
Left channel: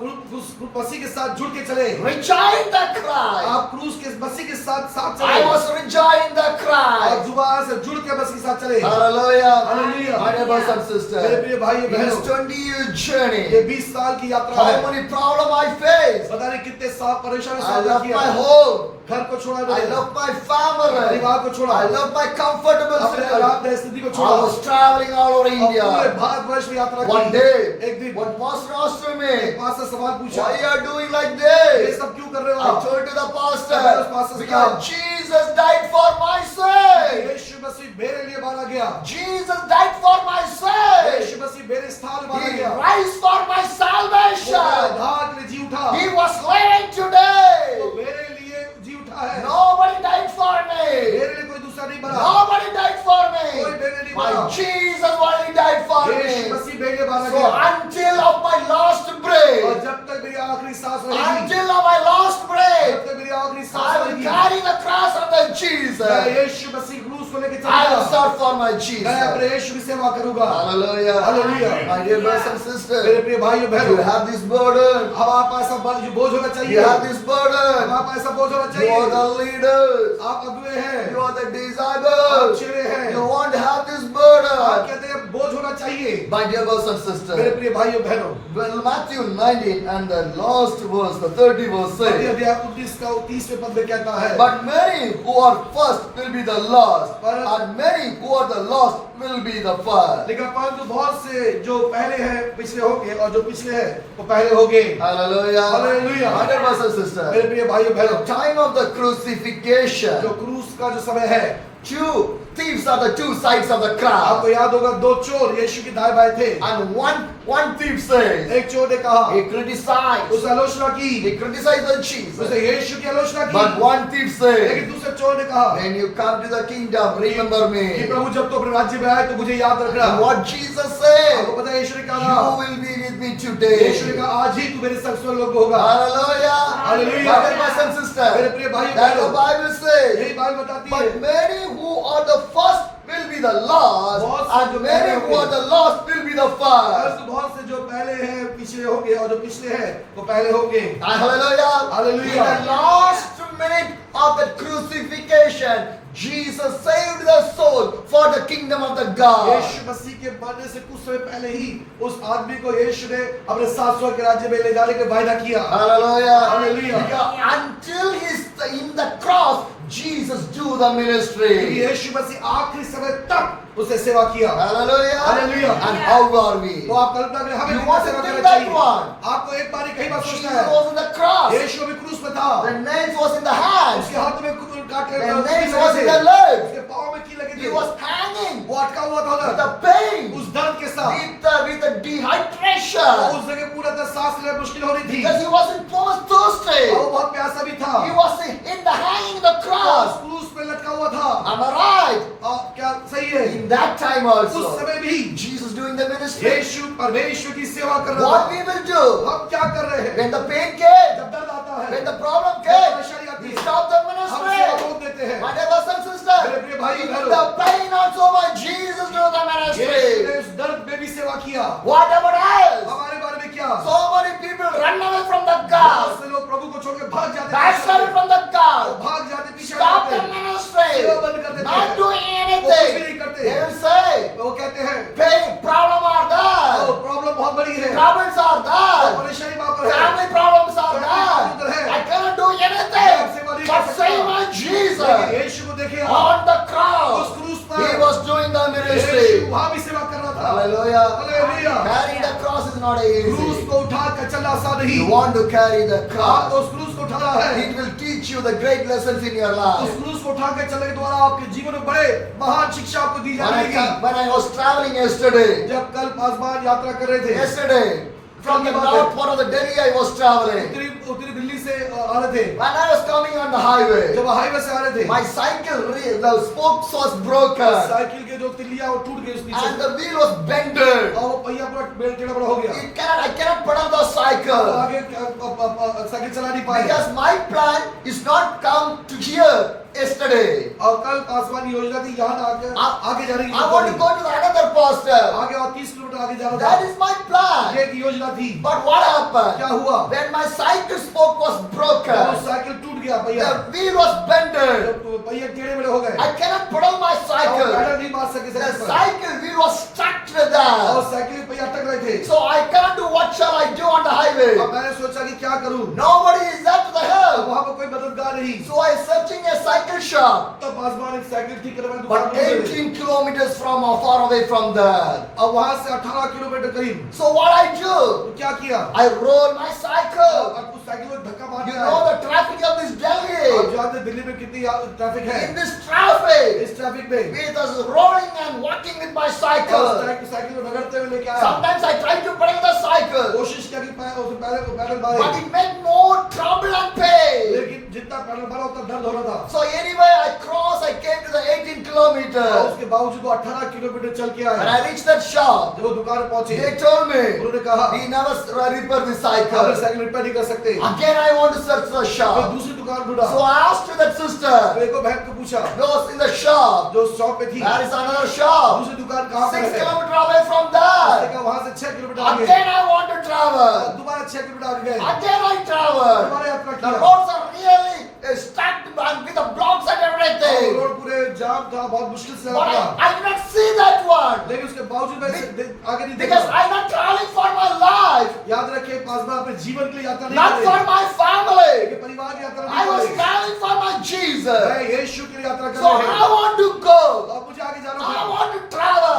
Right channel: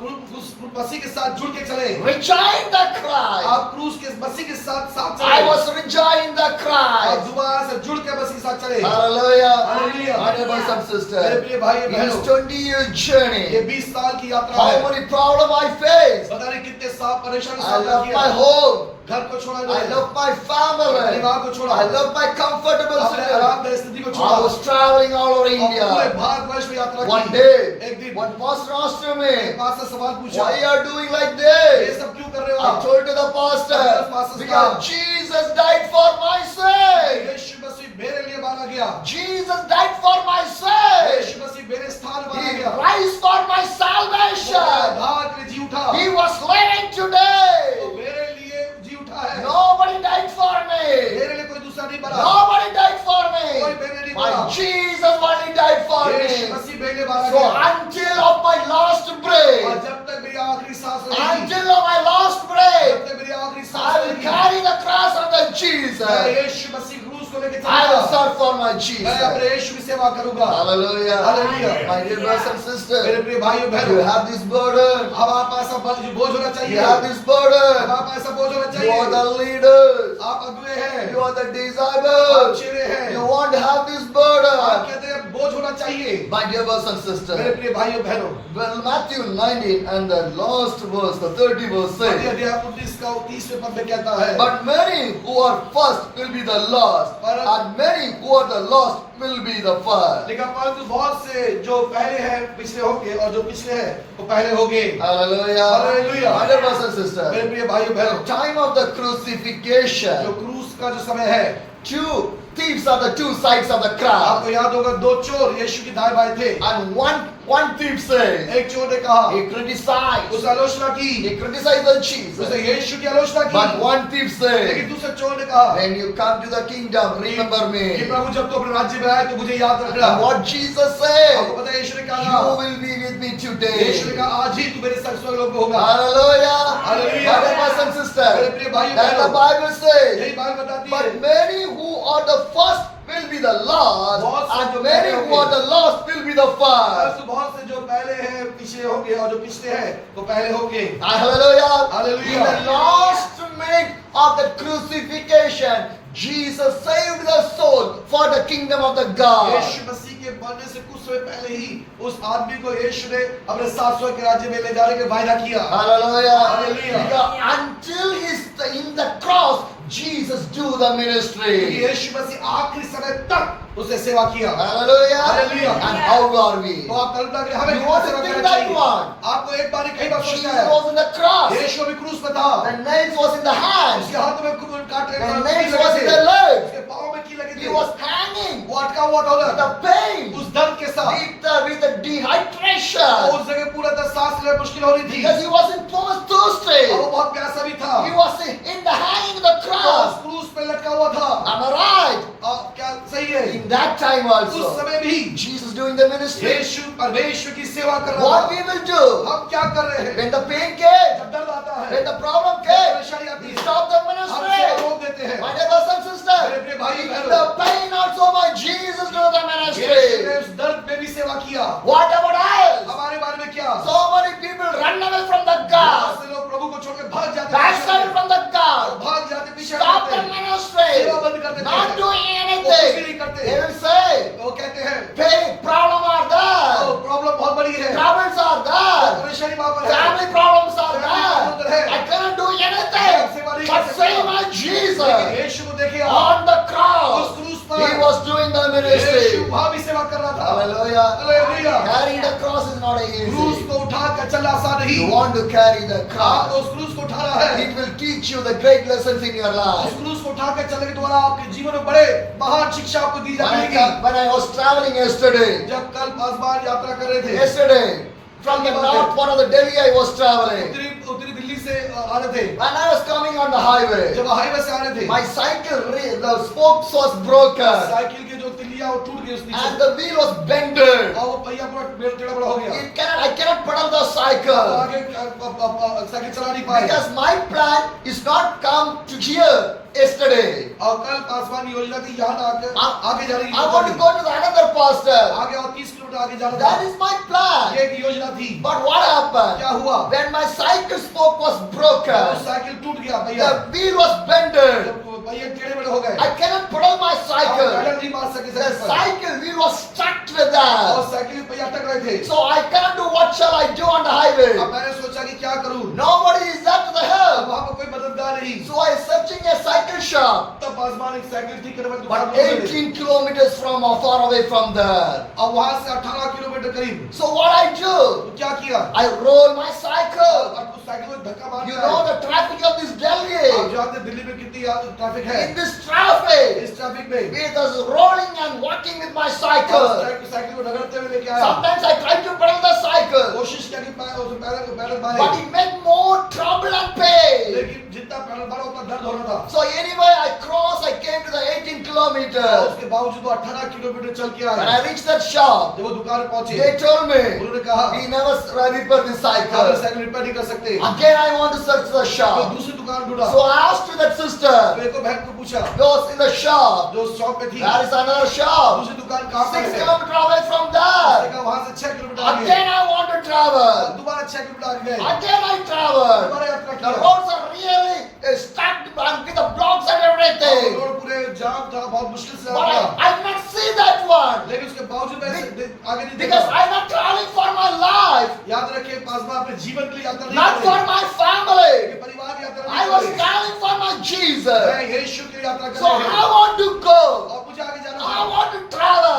मसीह के साथ जुड़ के चले, Rejoice in the Christ. आप क्रूस के मसीह के साथ साथ I चले, was rejoicing in the आप Christ. जुबान से जुड़ के मसीह के साथ चले। Hallelujah. Hallelujah. My dear brothers and मेरे sisters, प्रिय भाई in बहनों, this 20-year ये journey, 20 साल की यात्रा how है, many problems I faced. पता नहीं कितने साल परेशानी I सामना left किया, my home. घर को छोड़ा, I left my family. परिवार को छोड़ा, I left my comfortable अपने city. आरामदायक स्थिति को I छोड़ा, was traveling all over और पूरे India. भारतवर्ष में यात्रा One की। day, एक दिन one pastor asked एक me, पास से सवाल पूछा, why you are doing like ये this? सब क्यों कर रहे हो I आप? told to the Because pastor, pastor because said, Jesus died for my sake. यीशु मसीह मेरे लिए मारा गया, Jesus died for my sake. यीशु मसीह मेरे स्थान में मारा He गया, rise for my वो मेरे salvation. उद्धार के लिए जी उठा, He was living तो today. मेरे लिए जी उठा है, Nobody died for me. मेरे लिए कोई दूसरा नहीं मरा, Nobody died for कोई me. मेरे लिए नहीं My मरा, Jesus only died for यीशु me. मसीह मेरे लिए मारा So गया, until of my last और breath, जब तक मेरी आखिरी सांस रहेगी, until of my last जब breath, तक मेरी आखिरी सांस I will रहेगी, carry the cross of the मैं Jesus. यीशु मसीह क्रूस को लेकर I will चलूंगा, start for my मैं Jesus. अपने यीशु की सेवा करूंगा। Hallelujah. Hallelujah. My dear brothers and मेरे sisters, प्रिय भाइयों you बहनों, have this burden. हमारे पास ऐसा बोझ होना You चाहिए, have this burden. हमारे पास ऐसा बोझ होना You चाहिए, are the leaders. आप अगुए हैं, You are the आप disciples. चेले हैं, You want to have this आप burden. कहते हैं बोझ होना चाहिए। My dear brothers and मेरे sisters, प्रिय भाइयों बहनों, well, Matthew 19 and the last verse, the 30 verse मत्ती says, अध्याय 19 का 30वें पद में कहता है, but many who are first will be the last, and many who are the last will be the first. लेकिन परंतु बहुत से जो पहले हैं पिछले होंगे, और जो पिछले हैं वो पहले होंगे। Hallelujah. Hallelujah. My dear brothers and sisters, मेरे प्रिय भाइयों the बहनों, time of the जो crucifixion, क्रूस का जो समय है, two thieves are the two sides of the cross. आपको याद होगा दो चोर यीशु के दाएं बाएं थे, And one thief says, एक चोर ने कहा, he criticized, उसने आलोचना की, he criticized the उसने Jesus. यीशु की आलोचना की, But one thief says, लेकिन दूसरे चोर ने कहा when you come to the kingdom, remember कि me. प्रभु जब तो अपने राज्य में आए तो मुझे याद रखना। And what Jesus आपको said, पता है यीशु ने you कहा, will be with me यीशु ने today. कहा आज ही तू मेरे संग स्वर्ग लोक में होगा। Hallelujah. Hallelujah. My dear brothers and मेरे sisters, प्रिय भाइयों that the बहनों, Bible says, यही बाइबल बताती है, but many who are the first will be the last, बहुत से जो and many पहले who are होंगे। the last will be the first. परंतु बहुत से जो पहले हैं पिछले होंगे, और जो पिछले हैं वो पहले होंगे। Hallelujah. Hallelujah. In the last minute of the crucifixion, Jesus saved the soul for the kingdom of the God. यीशु मसीह के मरने से कुछ समय पहले ही उस आदमी को यीशु ने अपने सात स्वर्ग के राज्य में ले जाने का वायदा किया। Hallelujah. Hallelujah. Because until he's in the cross, Jesus do the क्योंकि ministry. यीशु मसीह आखिरी समय तक उसने सेवा किया। Hallelujah. Hallelujah. And how are we? तो आप कल्पना करें हमें You कितना want to सेवा think करना that चाहिए। one? आपको एक बार कई बार Jesus सोचना है, was in the cross. यीशु अभी क्रूस पे था, The nails was in the hands. उसके हाथ में कांटे The की nails लगे was in थे, the legs. उसके पाँव में की लगे He थे, was hanging वो अटका हुआ था with उधर, the pain, उस दर्द के साथ, with the और dehydration. उस जगह पूरा तरह सांस लेना मुश्किल हो रही थी, Because he wasn't most thirsty. और वो बहुत प्यासा भी था, He was in the hanging the उस cross. क्रूस पे लटका हुआ था। Am I right? और क्या सही है? In that time उस also, समय भी Jesus doing the ministry. यीशु परमेश्वर की सेवा कर रहा What था। we will do हम क्या कर रहे हैं? when the pain came, जब दर्द आता है, when the problem जब came, परेशानी आती we है, stop the हम सेवा ministry. रोक देते हैं। My dear brothers and sisters, मेरे प्रिय भाई in बहनों, the pain also my Jesus do the यीशु ने ministry. उस दर्द में भी सेवा किया। What about us? हमारे बारे में क्या? So many people run away from the बहुत God, से लोग प्रभु को छोड़कर भाग जाते हैं, backslide from the God, भाग जाते, पीछे stop हटते the हैं, ministry, सेवा बंद कर देते not हैं, doing वो कुछ भी anything. नहीं करते। They will say, वो कहते हैं pain, problem are there, problem बहुत बड़ी है, troubles are there, परेशानी वहाँ पर है, family problems are there. I cannot do anything but say my लेकिन Jesus यीशु को देखे आप, on the उस cross. क्रूस He पर was doing the यीशु ministry. वहाँ भी सेवा कर रहा था। Hallelujah. Hallelujah. Carrying the cross is not क्रूस easy. को उठा कर चलना आसान नहीं। You want to carry the आप cross. उस क्रूस को उठाना है, It will teach you the great lessons in your उस life. क्रूस को उठा कर चलने के द्वारा आपके जीवन में बड़े महान शिक्षा आपको दी जाएगी। When I was traveling yesterday, जब कल आसमान यात्रा कर रहे थे, yesterday from the north part of the Delhi I was traveling. उत्तरी दिल्ली से आ रहे थे, When I was coming on the highway, जब हाईवे से आ रहे थे, my cycle, the spokes was broken. Cycle के जो तिल्लियां वो टूट गई उस नीचे and the wheel was bended. और वो पहिया पूरा टेढ़ा बड़ा हो गया I cannot pedal the cycle आगे साइकिल चला नहीं पाए because my plan is not come to here yesterday. और कल आसमान की योजना थी यहाँ आगे जा रही I want to go to the another pastor. आगे और 30 किलोमीटर आगे जाना That था is my plan. ये एक योजना थी But what happened? क्या हुआ When my cycle spoke was जब वो broken, साइकिल टूट गया पहिया the wheel was bended. जब पहिया टेढ़े बड़े हो गए I cannot pedal my और cycle. पैडल नहीं मार सके The साइकिल पर cycle wheel was stuck with और that. साइकिल में पहिया अटक रहे थे So I can't do what shall I do on the highway. अब मैंने सोचा कि क्या करूं Nobody is there to the अब help. वहां पर कोई मददगार नहीं So I searching a cycle shop. तब आसमान एक साइकिल ठीक करने वाली दुकान But ढूंढ रहे थे। 18 kilometers from far away from there. अब वहां से 18 किलोमीटर करीब So what I do? तो क्या किया I roll my cycle. अब उस साइकिल को धक्का मार You दिया know the traffic of this आप Delhi. जानते हैं दिल्ली में कितनी ट्रैफिक है In this traffic, इस ट्रैफिक में with us rolling and walking with my cycle. Cycle को रगड़ते हुए लेके आया Sometimes I try to pedal the cycle, कोशिश किया कि पैदल but मारे it meant more trouble and pain. लेकिन जितना पैदल मारा उतना दर्द हो रहा था So anyway, I crossed. I came to the 18 और kilometers. उसके बावजूद वो 18 किलोमीटर चल के When आए I reached that shop, जब वो दुकान पहुंचे they told me उन्होंने कहा we never repair the आप cycle. साइकिल रिपेयर नहीं कर सकते Again, I want to search the फिर shop. दूसरी दुकान ढूंढा So I asked to that sister, मेरे को बहन को पूछा goes in the shop. जो शॉप में थी There is another shop. दूसरी दुकान कहाँ पर 6 है kilometers away from उसने there. कहा वहां से 6 किलोमीटर आगे Again, I want to और travel. दोबारा 6 किलोमीटर आगे गए Again, I travel. दोबारा यात्रा The किया roads are really stacked and with the blocks and और everything. रोड पूरे जाम था बहुत मुश्किल से But आया I did not see that one. लेकिन उसके बावजूद मैं आगे नहीं Because देखा I'm not traveling for my life, याद रखिए पासवान अपने जीवन के लिए यात्रा नहीं not कर for रहे my family. लेकिन परिवार की यात्रा I नहीं was कर रहे traveling for my Jesus. मैं यीशु के लिए यात्रा कर So रहे I हैं want to go. और मुझे आगे जाना I था want to travel.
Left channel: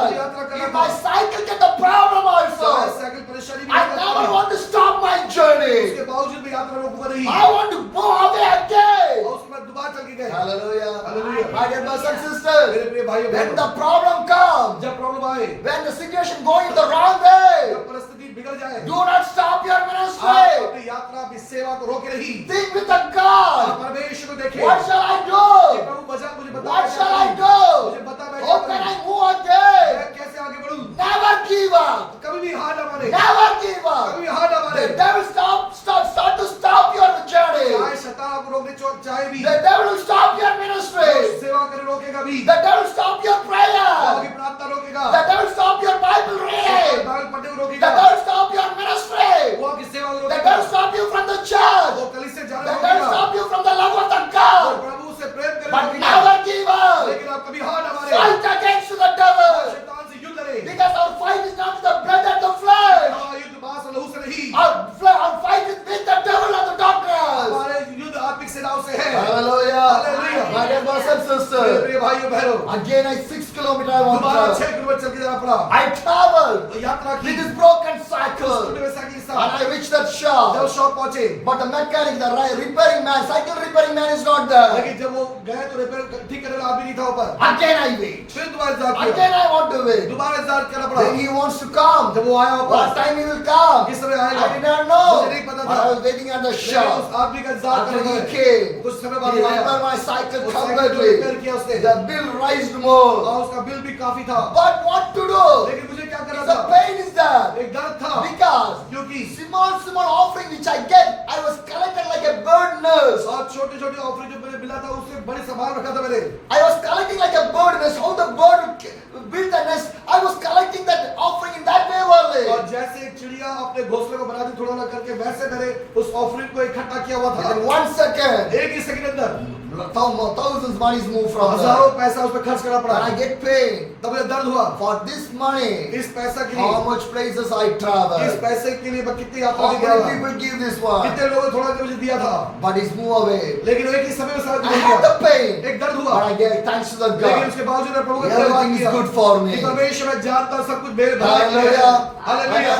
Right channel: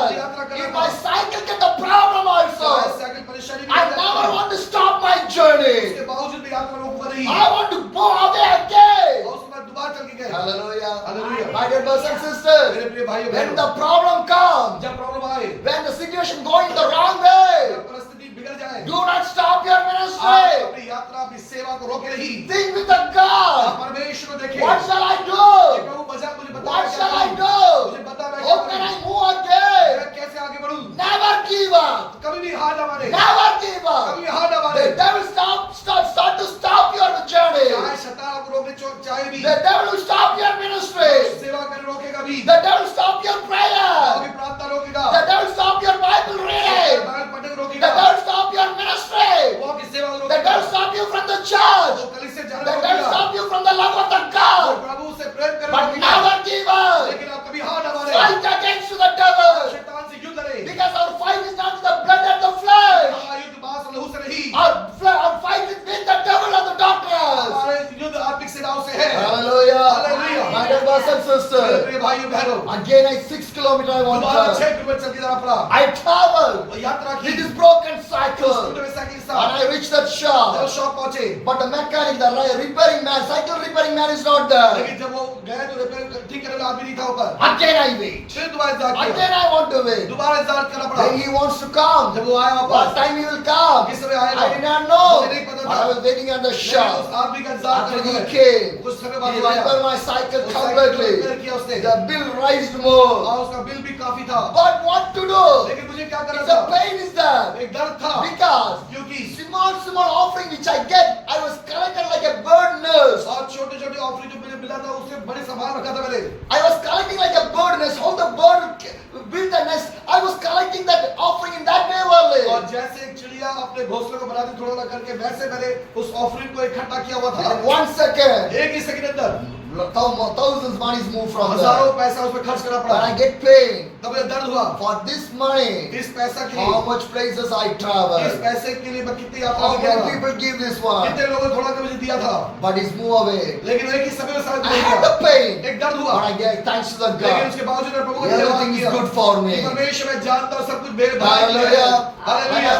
If my cycle get the problem also, cycle परेशानी I never want to stop my journey. उसके बावजूद भी यात्रा रोकूंगा नहीं I want to go away again. और उसके बाद दोबारा चल के गए Hallelujah. Hallelujah. My dear brothers and sisters, मेरे प्रिय भाइयों when बहनों the problem comes, जब प्रॉब्लम आए when the situation going the wrong way, जब परिस्थिति बिगड़ जाए do not stop your आप ministry. अपनी यात्रा अपनी सेवा को रोके नहीं Think with the आप God. परमेश्वर को देखें What shall I कि do? प्रभु बचा मुझे बता What मैं क्या shall I करूं? do? मुझे बता मैं क्या How can करूं? I move again? मैं कैसे आगे बढ़ूं Never give up. कभी भी हार ना माने Never give up. कभी हार ना माने The devil start to stop your journey. चाहे शैतान आपको रोकने चाहे भी The devil will stop your ministry. सेवा करने रोकेगा भी The devil stop your prayer. आगे प्रार्थना रोकेगा The devil stop your Bible reading. Bible पढ़ने को The रोकेगा devil stop your ministry. वो आपकी सेवा को The रोकेगा devil stop you from the church. वो कलीसिया से जाने The को devil रोकेगा stop you from the love of the वो God. प्रभु से प्रेम करने But को रोकेगा never give up. लेकिन आप कभी हार ना माने Fight against the devil. शैतान से युद्ध लड़े Because our fight is not with the blood and the flesh. हमारा युद्ध मांस और लहू से नहीं Our fight is with the devil and the darkness. हमारे युद्ध आत्मिक सेनाओं से है Hallelujah. Hallelujah. My dear brothers and मेरे sisters. प्रिय भाइयों बहनों Again, 6 kilometers I want to दोबारा travel. 6 किलोमीटर चल के जाना पड़ा I traveled यात्रा की with this broken उस cycle. टूटे हुए साइकिल के And साथ I reached that जब shop. शॉप पहुंचे But the mechanic, the repairing man, cycle repairing man is not there. लेकिन जब वो गए तो रिपेयर ठीक करने वाला आदमी नहीं था ऊपर Again I wait. फिर दोबारा इंतजार किया Again I want to wait. दोबारा इंतजार करना पड़ा Then he wants to come. जब वो आया What वापस time he will come? किस समय आएगा I did not know. मुझे नहीं पता But था I was waiting at the लेकिन shop. उस आदमी का इंतजार After करने he लगे came, कुछ समय he बाद वो आया repaired my cycle उस साइकिल को रिपेयर completely. किया उसने The bill raised more. और उसका बिल भी काफी था But what to do? लेकिन मुझे क्या करना The था pain is there. एक दर्द था Because क्योंकि small offering which I get, I was collected like a bird nest. और छोटे छोटे ऑफरिंग जो मुझे मिला था उससे बड़े संभाल रखा था मैंने I was collecting like a bird nest. How the bird built a nest. I was collecting that offering in that way और only. जैसे एक चिड़िया अपने घोंसले को बनाती थोड़ा थोड़ा करके वैसे मैंने उस ऑफरिंग को इकट्ठा किया हुआ था Within 1 second, एक ही सेकंड अंदर thousands money is moved from हजारों there. पैसा उस पर खर्च करना When पड़ा I get paid तब मुझे दर्द हुआ for this money, इस पैसा के how लिए much places I इस travel. पैसे के लिए मैं कितनी यात्रा How में गया many था people give this one? कितने लोगों ने थोड़ा के मुझे दिया था But it's move away. लेकिन एक ही समय में सारा I मिल had गया the pain. एक दर्द But हुआ I get thanks to the लेकिन God. उसके बावजूद मैं प्रभु को धन्यवाद Everything is किया good for me. कि परमेश्वर मैं जानता हूं सब कुछ मेरे भलाई के लिए Hallelujah. है। Hallelujah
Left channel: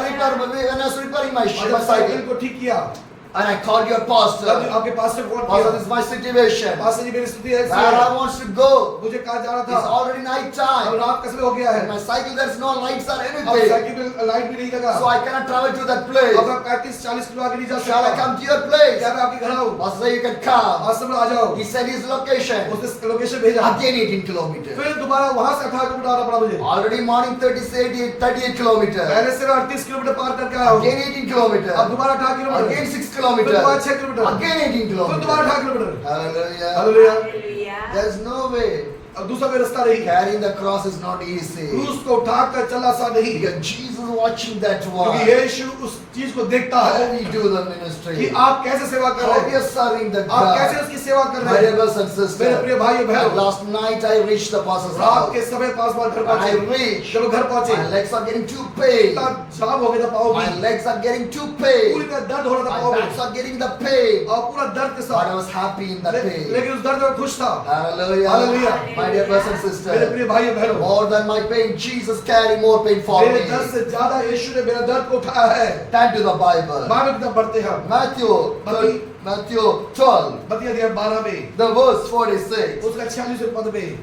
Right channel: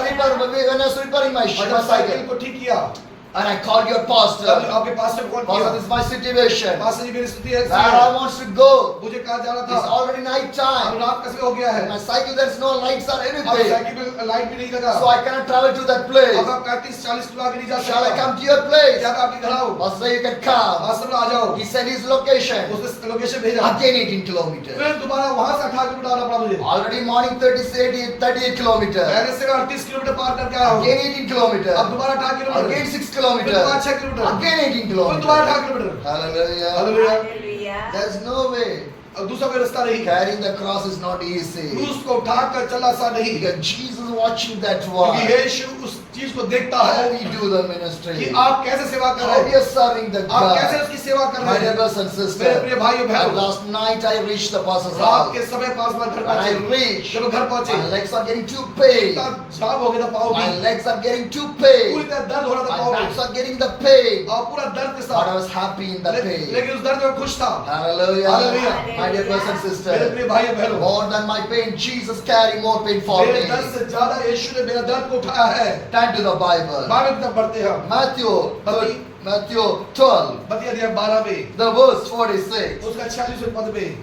When I was repairing my और जब साइकिल cycle, को ठीक किया and I called your तब pastor. आपके पास्टर को कॉल Pastor, किया, this is my situation. Pastor ji मेरी स्थिति ऐसी Where I है, wants to go. मुझे कहाँ जाना It's था, already night अब time. रात का समय हो गया है, In my cycle there's no lights or अब anything. साइकिल में लाइट भी नहीं लगा, So I cannot travel to that place. अब मैं 35-40 किलो आगे नहीं जा Shall I सकता, come to your place? क्या मैं आपके घर आऊँ, Pastor said you can come. Pastor बोला, आ जाओ, He sent his location. उसने लोकेशन भेजा, Again 18 kilometers. फिर दोबारा वहाँ से 18 किलोमीटर आना पड़ा मुझे, Already morning 38 kilometers. पहले से मैं 38 किलोमीटर पार करके आया हूँ, Again 18 kilometers. अब दोबारा 18 किलोमीटर, Again 6 फिर दोबारा kilometers. 6 किलोमीटर, Again 18 फिर दोबारा 18 kilometers. Kilometre, Hallelujah. Hallelujah, Hallelujah. There's no way. अब दूसरा कोई रास्ता नहीं, Carrying the cross is not easy. क्रूस को उठाकर चलना आसान नहीं, Because Jesus watching that क्योंकि one. यीशु उस चीज को देखता How है we do the कि ministry. आप कैसे सेवा कर How रहे we हैं, are serving the आप कैसे God. उसकी सेवा कर My रहे dear हैं, brothers and मेरे sisters. प्रिय भाई And बहनों, last night I reached the pastor's रात house. के समय पासवान घर When I पहुंचे, reached, जब वो घर पहुंचे, my legs are getting too pain. इतना जाम हो गया था पाँव My में, legs are getting too पूरी pain. तरह दर्द हो रहा था My पाँव backs में, are getting the pain. और पूरा दर्द के But I साथ, was happy in that pain. लेकिन उस दर्द में खुश था, Hallelujah. Hallelujah. My dear brothers and मेरे sisters. प्रिय भाई बहनों, More than my pain, Jesus carried more pain for मेरे me. दर्द से ज्यादा यीशु ने मेरा दर्द को उठाया है, Turn to the Bible. Bible की तरफ बढ़ते हैं, Matthew 12, मत्ती अध्याय 12 में, the verse 46. उसका 46वें पद में,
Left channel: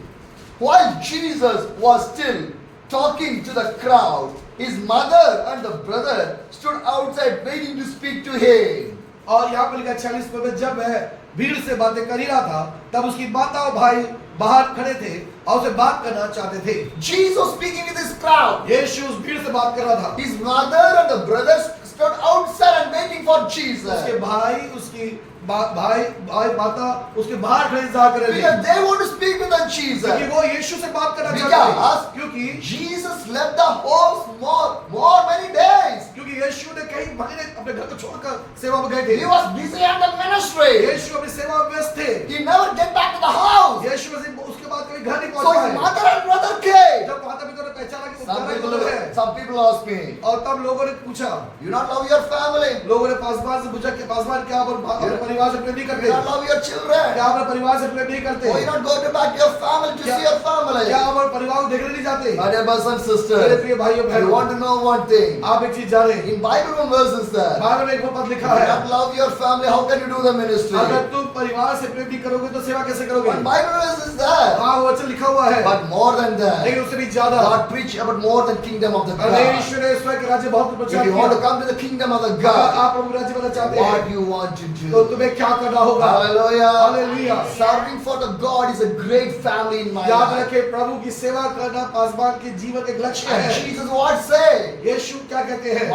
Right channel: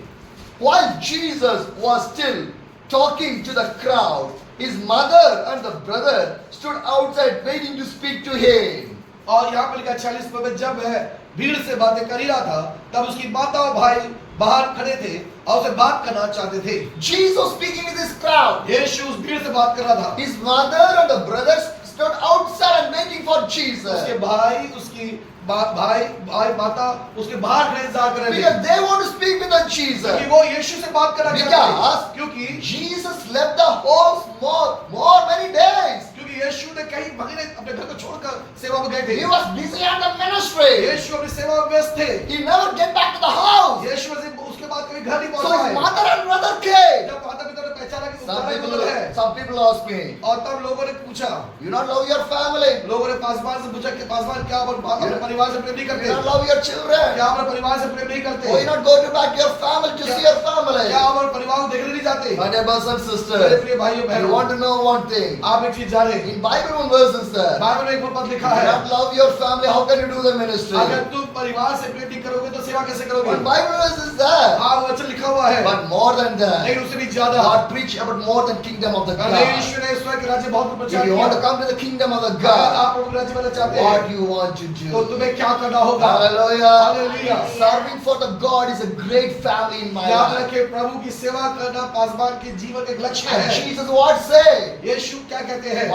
While Jesus was still talking to the crowd, his mother and the brother stood outside waiting to speak to him. और यहाँ पर लिखा 46 पद में, जब वह भीड़ से बातें कर ही रहा था, तब उसकी माता और भाई बाहर खड़े थे और उसे बात करना चाहते थे। Jesus speaking with this crowd. यीशु उस भीड़ से बात कर रहा था, His mother and the brothers stood outside and waiting for Jesus. उसके भाई, उसकी भाई माता उसके बाहर खड़े इंतजार कर रहे थे, Because they want to speak with the क्योंकि Jesus. वो यीशु से बात करना चाहते Because थे, क्योंकि Jesus left the house more many days. क्योंकि यीशु ने कई महीने अपने घर को छोड़कर सेवा में गए थे, He was busy on the ministry. यीशु अपनी सेवा में व्यस्त थे, He never get back to the house. यीशु उसके बाद कभी घर नहीं So पहुंच his पाए। mother and brother came. जब माता पिता ने पहचाना कि वो Some घर people, में है, some people ask me, और तब लोगों ने पूछा, you not love your family? लोगों ने पासवान से पूछा कि पासवान क्या आप अपने परिवार से प्रेम नहीं You करते, not love your children? क्या आप अपने परिवार से प्रेम नहीं करते, Why you not go to back to your family to see your family? क्या आप अपने परिवार को देखने नहीं जाते। My dear brothers and मेरे sisters, प्रिय भाइयों you बहनों, want to know one thing. आप एक चीज जाने, In Bible one verse is there. Bible में एक और पद If लिखा you है, not love your family, how can you do the ministry? अगर तुम परिवार से प्रेम नहीं करोगे तो सेवा कैसे करोगे। One Bible verse is there. हाँ वो वचन लिखा हुआ है, But more than that, लेकिन उससे भी ज्यादा God preach about more than kingdom of the God. परमेश्वर ने ईश्वर के राज्य बहुत प्रचार If you want to किया। come to the kingdom of the अगर God, आप प्रभु राज्य में चाहते what हैं you want to तो do. तुम्हें क्या करना होगा। Hallelujah. Hallelujah. Serving for the God is a great family in my याद life. रखें, प्रभु की सेवा करना पासवान के जीवन का एक लक्ष्य And है। Jesus what say? यीशु क्या कहते हैं,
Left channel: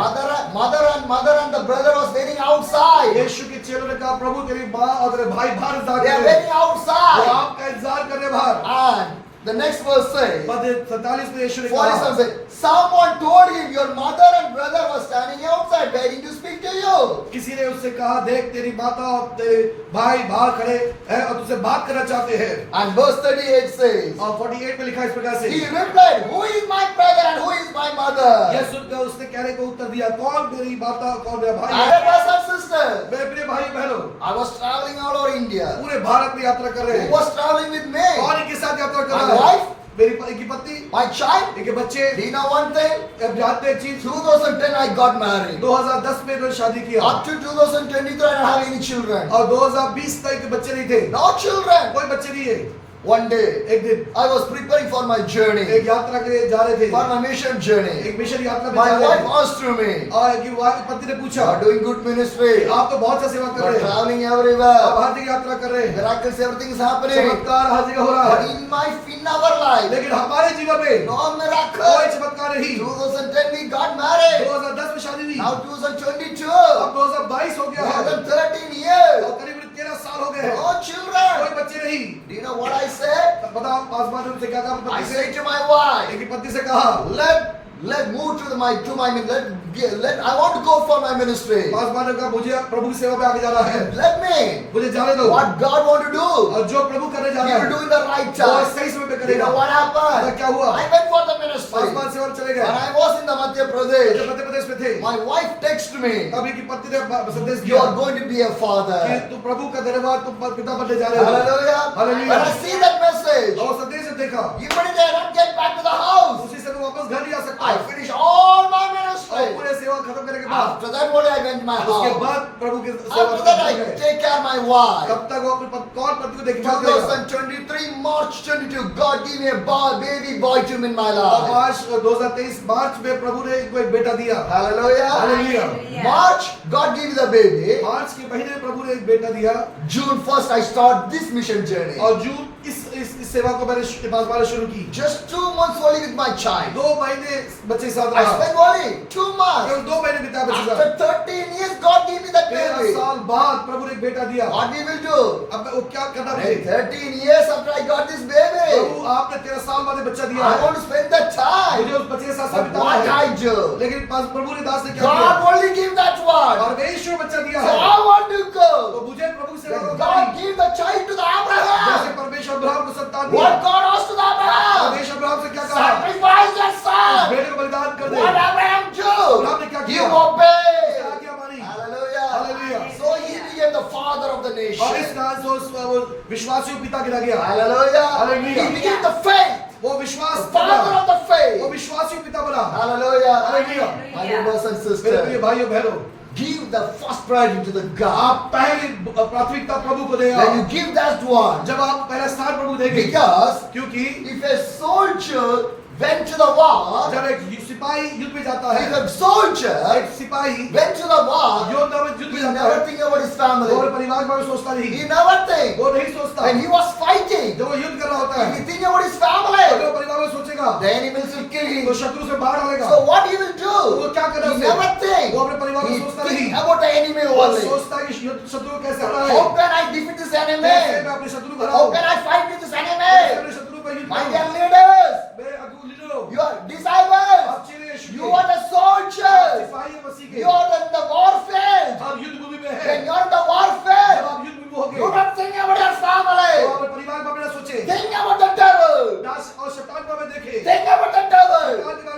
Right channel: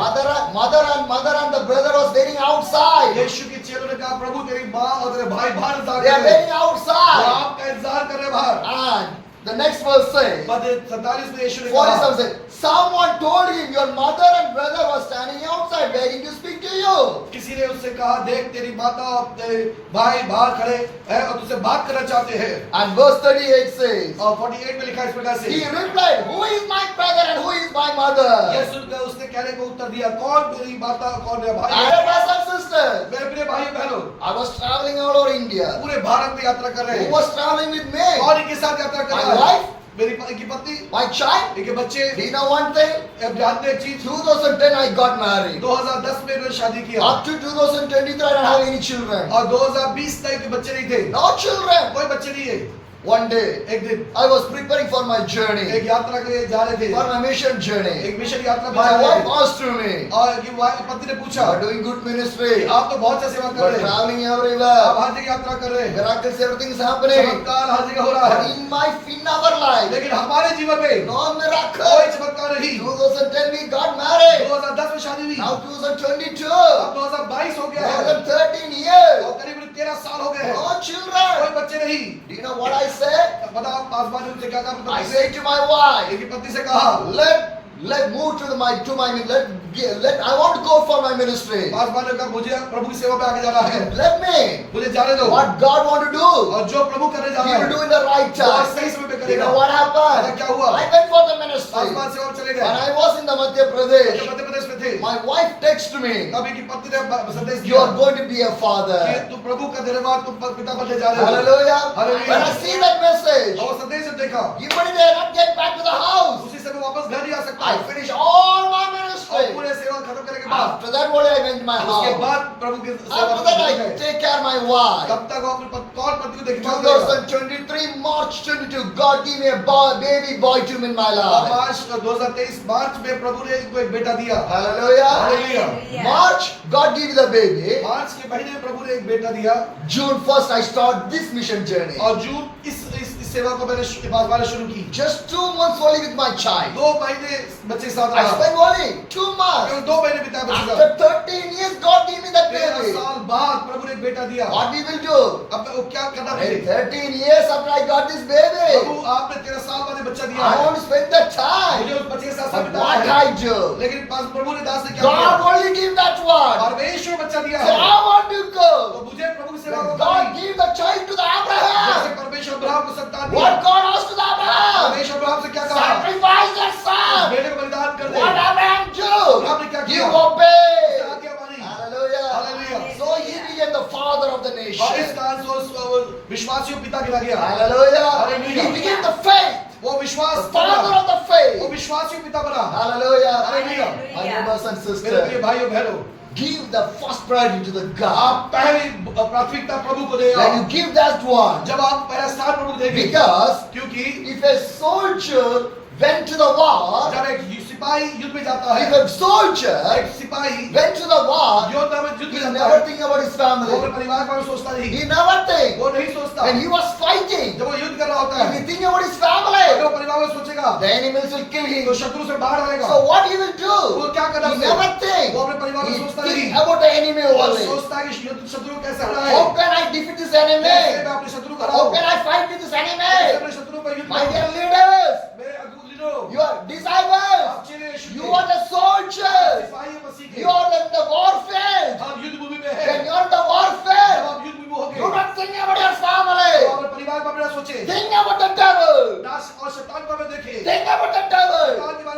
Mother and the brother was waiting outside. यीशु के चेलों ने कहा, प्रभु तेरी माँ और तेरे भाई बाहर इंतजार They कर are रहे हैं, waiting वो outside. आपका इंतजार कर रहे हैं बाहर। And the next verse says, पद 47 में यीशु ने कहा, 47 says, someone told him, your mother and brother were standing outside waiting to speak to you. किसी ने उससे कहा, देख तेरी माता और तेरे भाई बाहर खड़े हैं और तुझसे बात करना चाहते हैं। And verse 38 says, और 48 में लिखा है इस प्रकार से, he replied, who is my brother and who is my mother? यह सुनकर उसने कहने को उत्तर दिया, कौन मेरी माता कौन मेरा भाई My है। brothers and sisters, मेरे प्रिय भाई बहनों, I was traveling all over India. पूरे भारत में यात्रा कर रहे Who हैं, was traveling with me? और इनके साथ यात्रा कर My रहा है, wife, मेरी इनकी पत्नी, my child. इनके बच्चे। Do you know one thing? अब जानते हैं एक चीज, 2010 I got married. 2010 में इन्होंने शादी किया Up to 2023 I don't have any children. और 2020 तक के बच्चे नहीं थे, No children. कोई बच्चे नहीं है। One day, एक दिन I was preparing for my journey, एक यात्रा के लिए जा रहे थे, for my mission journey. एक मिशन यात्रा में My जा रहे wife थे, asked to me, और की पत्नी ने पूछा, you are doing good ministry, आप तो बहुत सा सेवा कर but रहे हैं, traveling आप everywhere, हर जगह यात्रा कर रहे हैं, miracles, everything is happening. चमत्कार हर जगह हो रहा But है, in our life, लेकिन हमारे जीवन में no कोई miracle. चमत्कार नहीं। 2010 we got married. 2010 में शादी हुई, Now 2022, अब 2022 हो गया more है than 13 years. और करीब 13 साल हो गए हैं, No children. कोई बच्चे नहीं। Do you know what I said? पता पासवान ने उनसे क्या कहा, I पत्नी said to my wife, एक पत्नी से कहा, let move to my let I want to go for my ministry. Paswan ने कहा, मुझे प्रभु की सेवा में आगे जाना है, Let me. मुझे जाने दो, What God want to do, और जो प्रभु करने जा He रहा will है do in the right वो time. सही समय पे You करेगा। know what पता happened? क्या हुआ, I went for the ministry. Paswan सेवा में चले When गए, I was in the Madhya जब Pradesh, मध्य प्रदेश में थे, my wife texted me, तब की पत्नी ने संदेश you दिया are going to be a कि father. तू प्रभु का धन्यवाद, तू पिता बनने जा रहे हो। Hallelujah. Hallelujah. When I see that message, और संदेश जब देखा, immediately I not get back to the house. उसी समय वापस घर नहीं आ सकता, I finish all my और ministry. पूरे सेवा खत्म करने के के बाद After that only I went to my उसके house. बाद प्रभु के सेवा After that I करने गए। take care of my wife. तब तक वो अपने कौन पति को देखभाल करेगा। 2023 March 22, God gave me a baby boy to me in my अब life. आज 2023 मार्च में प्रभु ने इनको एक बेटा दिया। Hallelujah. Hallelujah. March, God gave me the baby. मार्च के महीने में प्रभु ने एक बेटा दिया June 1st, I start this mission journey. और जून इस सेवा को मैंने शुरू की। Just 2 months only with my child. 2 महीने बच्चे के साथ I रहा। spent only 2 months. केवल 2 महीने बिताए बच्चे के After साथ। 13 years, God gave me that 13 baby. साल बाद प्रभु ने एक बेटा दिया। What we will do? अब वो क्या करना In मुझे? 13 years after I got this baby, प्रभु आपने 13 साल बाद एक बच्चा दिया I है। want to spend that time. मुझे उस बच्चे के साथ But बिताना what है। I do? लेकिन प्रभु ने दास ने क्या God किया? only give that one. परमेश्वर बच्चा दिया So है। I want to तो go. मुझे प्रभु की सेवा When को God करनी। gave the child to the जैसे Abraham, परमेश्वर अब्राहम को संतान दिया। what God asked to the Abraham? परमेश्वर अब्राहम से क्या कहा? Sacrifice your उस son. बेटे को बलिदान कर दे। What Abraham अब्राहम ने क्या do? He किया? obeyed. आज्ञा मानी। Hallelujah. Hallelujah. So he became the father of the और इस nation. कारण से वो विश्वासियों पिता गिना गया। Hallelujah. Hallelujah. He became the faith. वो विश्वास The father बना। of the faith. वो विश्वासियों पिता बना। Hallelujah. Hallelujah. My brothers and मेरे प्रिय sisters, भाइयों बहनों, give the first priority to the God. आप पहली प्राथमिकता प्रभु को दें। When you give that one, जब आप पहला स्थान प्रभु को देंगे, because क्योंकि if a soldier went to the war, जब एक सिपाही युद्ध में जाता है, if a soldier एक सिपाही went to the war, योद्धा में युद्ध he में जाता never है, think about his वो family. अपने परिवार के बारे में सोचता नहीं, He never think. वो नहीं सोचता। When he was fighting, जब वो युद्ध कर रहा होता if है, he think about his अगर family, वो परिवार में सोचेगा, the enemies will kill तो him. शत्रु से बाहर डालेगा। So what he will do? वो क्या करना He उसे? never think. वो अपने परिवार में He सोचता think नहीं। about the enemy वो only. सोचता है कि शत्रु को कैसे हराए, How can I defeat this कैसे enemy? मैं अपने शत्रु को How हराऊं, can I fight with this कैसे enemy? अपने शत्रु पर युद्ध My करूं। dear leaders, मेरे लीडरों, your disciples, आप चीज़ें यीशु you के are the soldiers. सिपाही मसीह के, You are in the warfield. आप युद्ध भूमि में When हैं। you are in the जब warfield, आप युद्ध भूमि में होंगे, do not think about your तो family. आप अपने परिवार में अपना सोचें, Think about the devil. नाश और शैतान को हमें देखें। Think about the devil.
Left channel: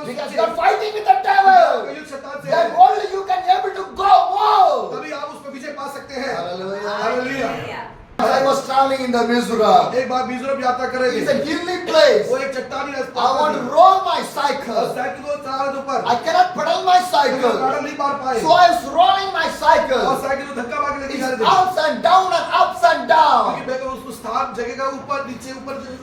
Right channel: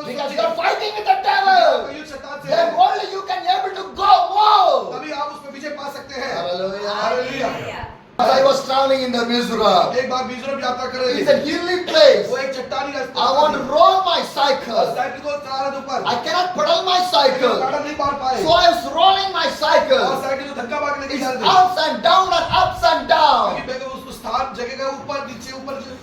Because you are fighting with the आपका devil. युद्ध शैतान से Then है, only you can able to go more. तभी आप उस पर विजय पा सकते हैं। Hallelujah. Hallelujah. As I was traveling in the Mizoram, एक बार मिजोरम यात्रा कर रहे it's a थे, hilly place. वो एक चट्टानी रास्ता I want to था। roll my और cycle. साइकिल को चला रहे थे ऊपर, I cannot pedal my लेकिन cycle. पैडल नहीं मार पाए, So I was rolling my और cycle. साइकिल को धक्का मार के लेके It's जा रहे थे, ups and down and ups and down. ताकि मैं उस स्थान जगह का ऊपर नीचे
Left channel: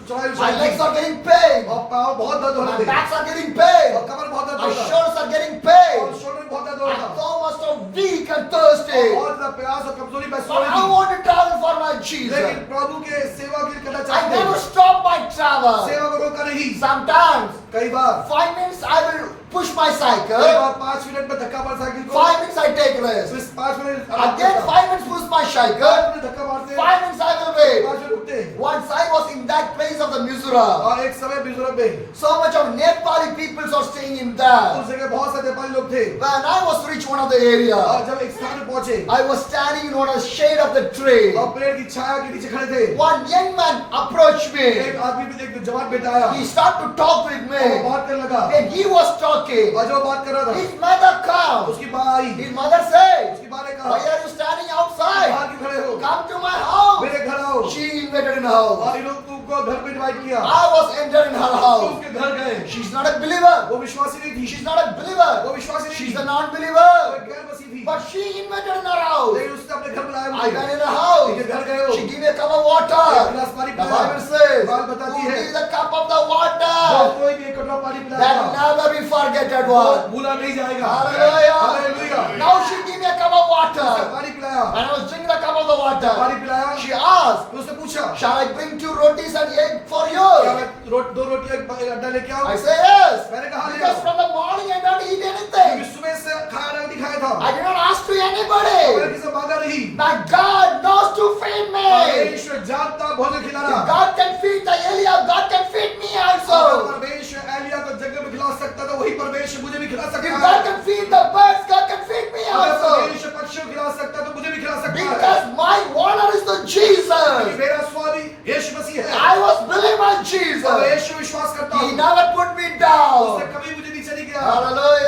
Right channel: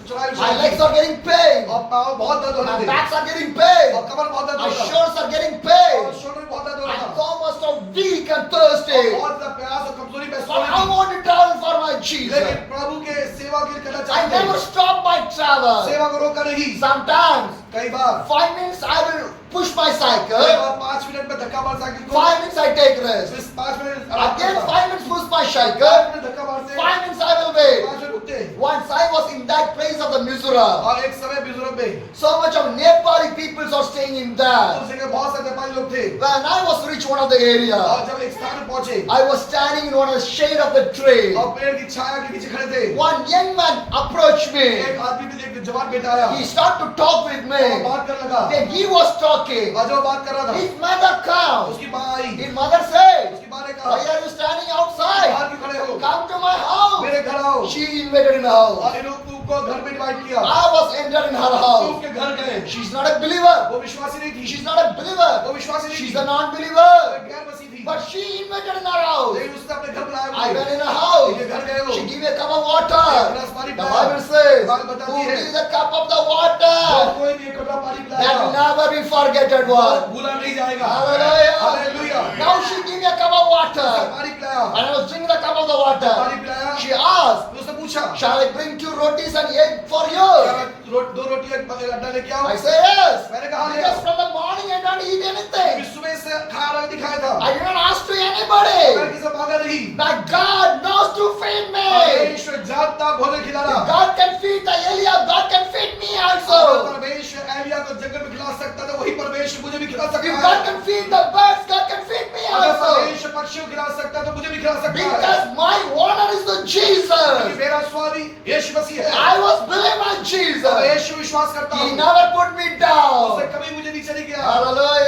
चढ़ाई My legs are getting pain. और पाँव बहुत दर्द हो My रहे थे, backs are getting pain. और कमर बहुत दर्द My हो रहा था, shoulders are getting और pain. शोल्डर में बहुत दर्द हो रहा I'm था, almost so weak and thirsty. बहुत ज्यादा प्यास और कमजोरी महसूस But हो रही I थी, want to travel for my Jesus. लेकिन प्रभु के सेवा के लिए करना I चाहते never हैं, stop my travel. सेवा को रोका नहीं। Sometimes कई बार 5 minutes I will push my कई cycle. बार 5 मिनट में धक्का मार साइकिल को, 5 minutes I take rest. फिर 5 मिनट आराम Again करता, 5 minutes push my 5 cycle. Minute धक्का मारते, 5 minutes I will wait. 5 मिनट रुकते। Once I was in that place of the Mizoram. और एक समय मिजोरम में So much of Nepali peoples are staying in there. उस जगह बहुत सारे नेपाली लोग थे, When I was reached one of the area, और जब एक स्थान में पहुंचे I was standing in one of the shade of the tree. और पेड़ की छाया के नीचे खड़े थे, One young man approached me. एक आदमी भी एक जवान बेटा आया, He started to talk with और वो me. बात करने लगा, When he was talking, और जब वो बात कर रहा था, his mother comes. उसकी माँ आई, His mother said, उसकी माँ ने "Why कहा, are you standing outside? बाहर क्यों खड़े हो, Come to my house." मेरे घर आओ, She invited in her house. और इन लोग तुमको घर में इनवाइट किया, I was entered in her तुम house. उसके घर गए, She's not a believer. वो विश्वासी नहीं थी, She's not a believer. वो विश्वासी नहीं She's थी, a वो non-believer. एक गैर मसीह थी, But she invited in her house. लेकिन उसने अपने घर बुलाया I went मुझे, in her house. मेरे घर गए हो, She gave me a cup of एक water. गिलास पानी The पिलाया, Bible says, बाइबल बताती "Who है, gives the cup of the और water, कोई भी एक कटोरा पानी that पिलाएगा, never be forgotten वो one." भूला नहीं जाएगा। Hallelujah. Hallelujah. Now she gave me a cup of water. पानी पिलाया, And I was drinking the cup of the water. पानी पिलाया, She asked, फिर उसने पूछा, "Shall I bring 2 rotis and egg for क्या you?" मैं 2 रोटी एक अंडा लेके आऊं? I say yes. मैंने कहा ले Because आओ, from the morning I don't eat क्योंकि anything. सुबह से खाना नहीं खाया था, I did not ask to मैंने anybody. किसी से मांगा नहीं, But God knows to feed me. परमेश्वर जानता भोजन If खिलाना, God can feed the Eliab, God can feed me अगर also. परमेश्वर एलिया को जंगल में खिला सकता था, वही परमेश्वर मुझे भी खिला If सकता God है। can feed the birds, God can feed me अगर also. परमेश्वर पक्षियों को खिला सकता है, तो मुझे भी खिला सकता है, Because my owner is the क्योंकि Jesus. मेरा स्वामी यीशु मसीह है, I was believing my और Jesus. यीशु विश्वास करता He हूँ, never put me उसने down. कभी मुझे नीचे नहीं किया। Hallelujah.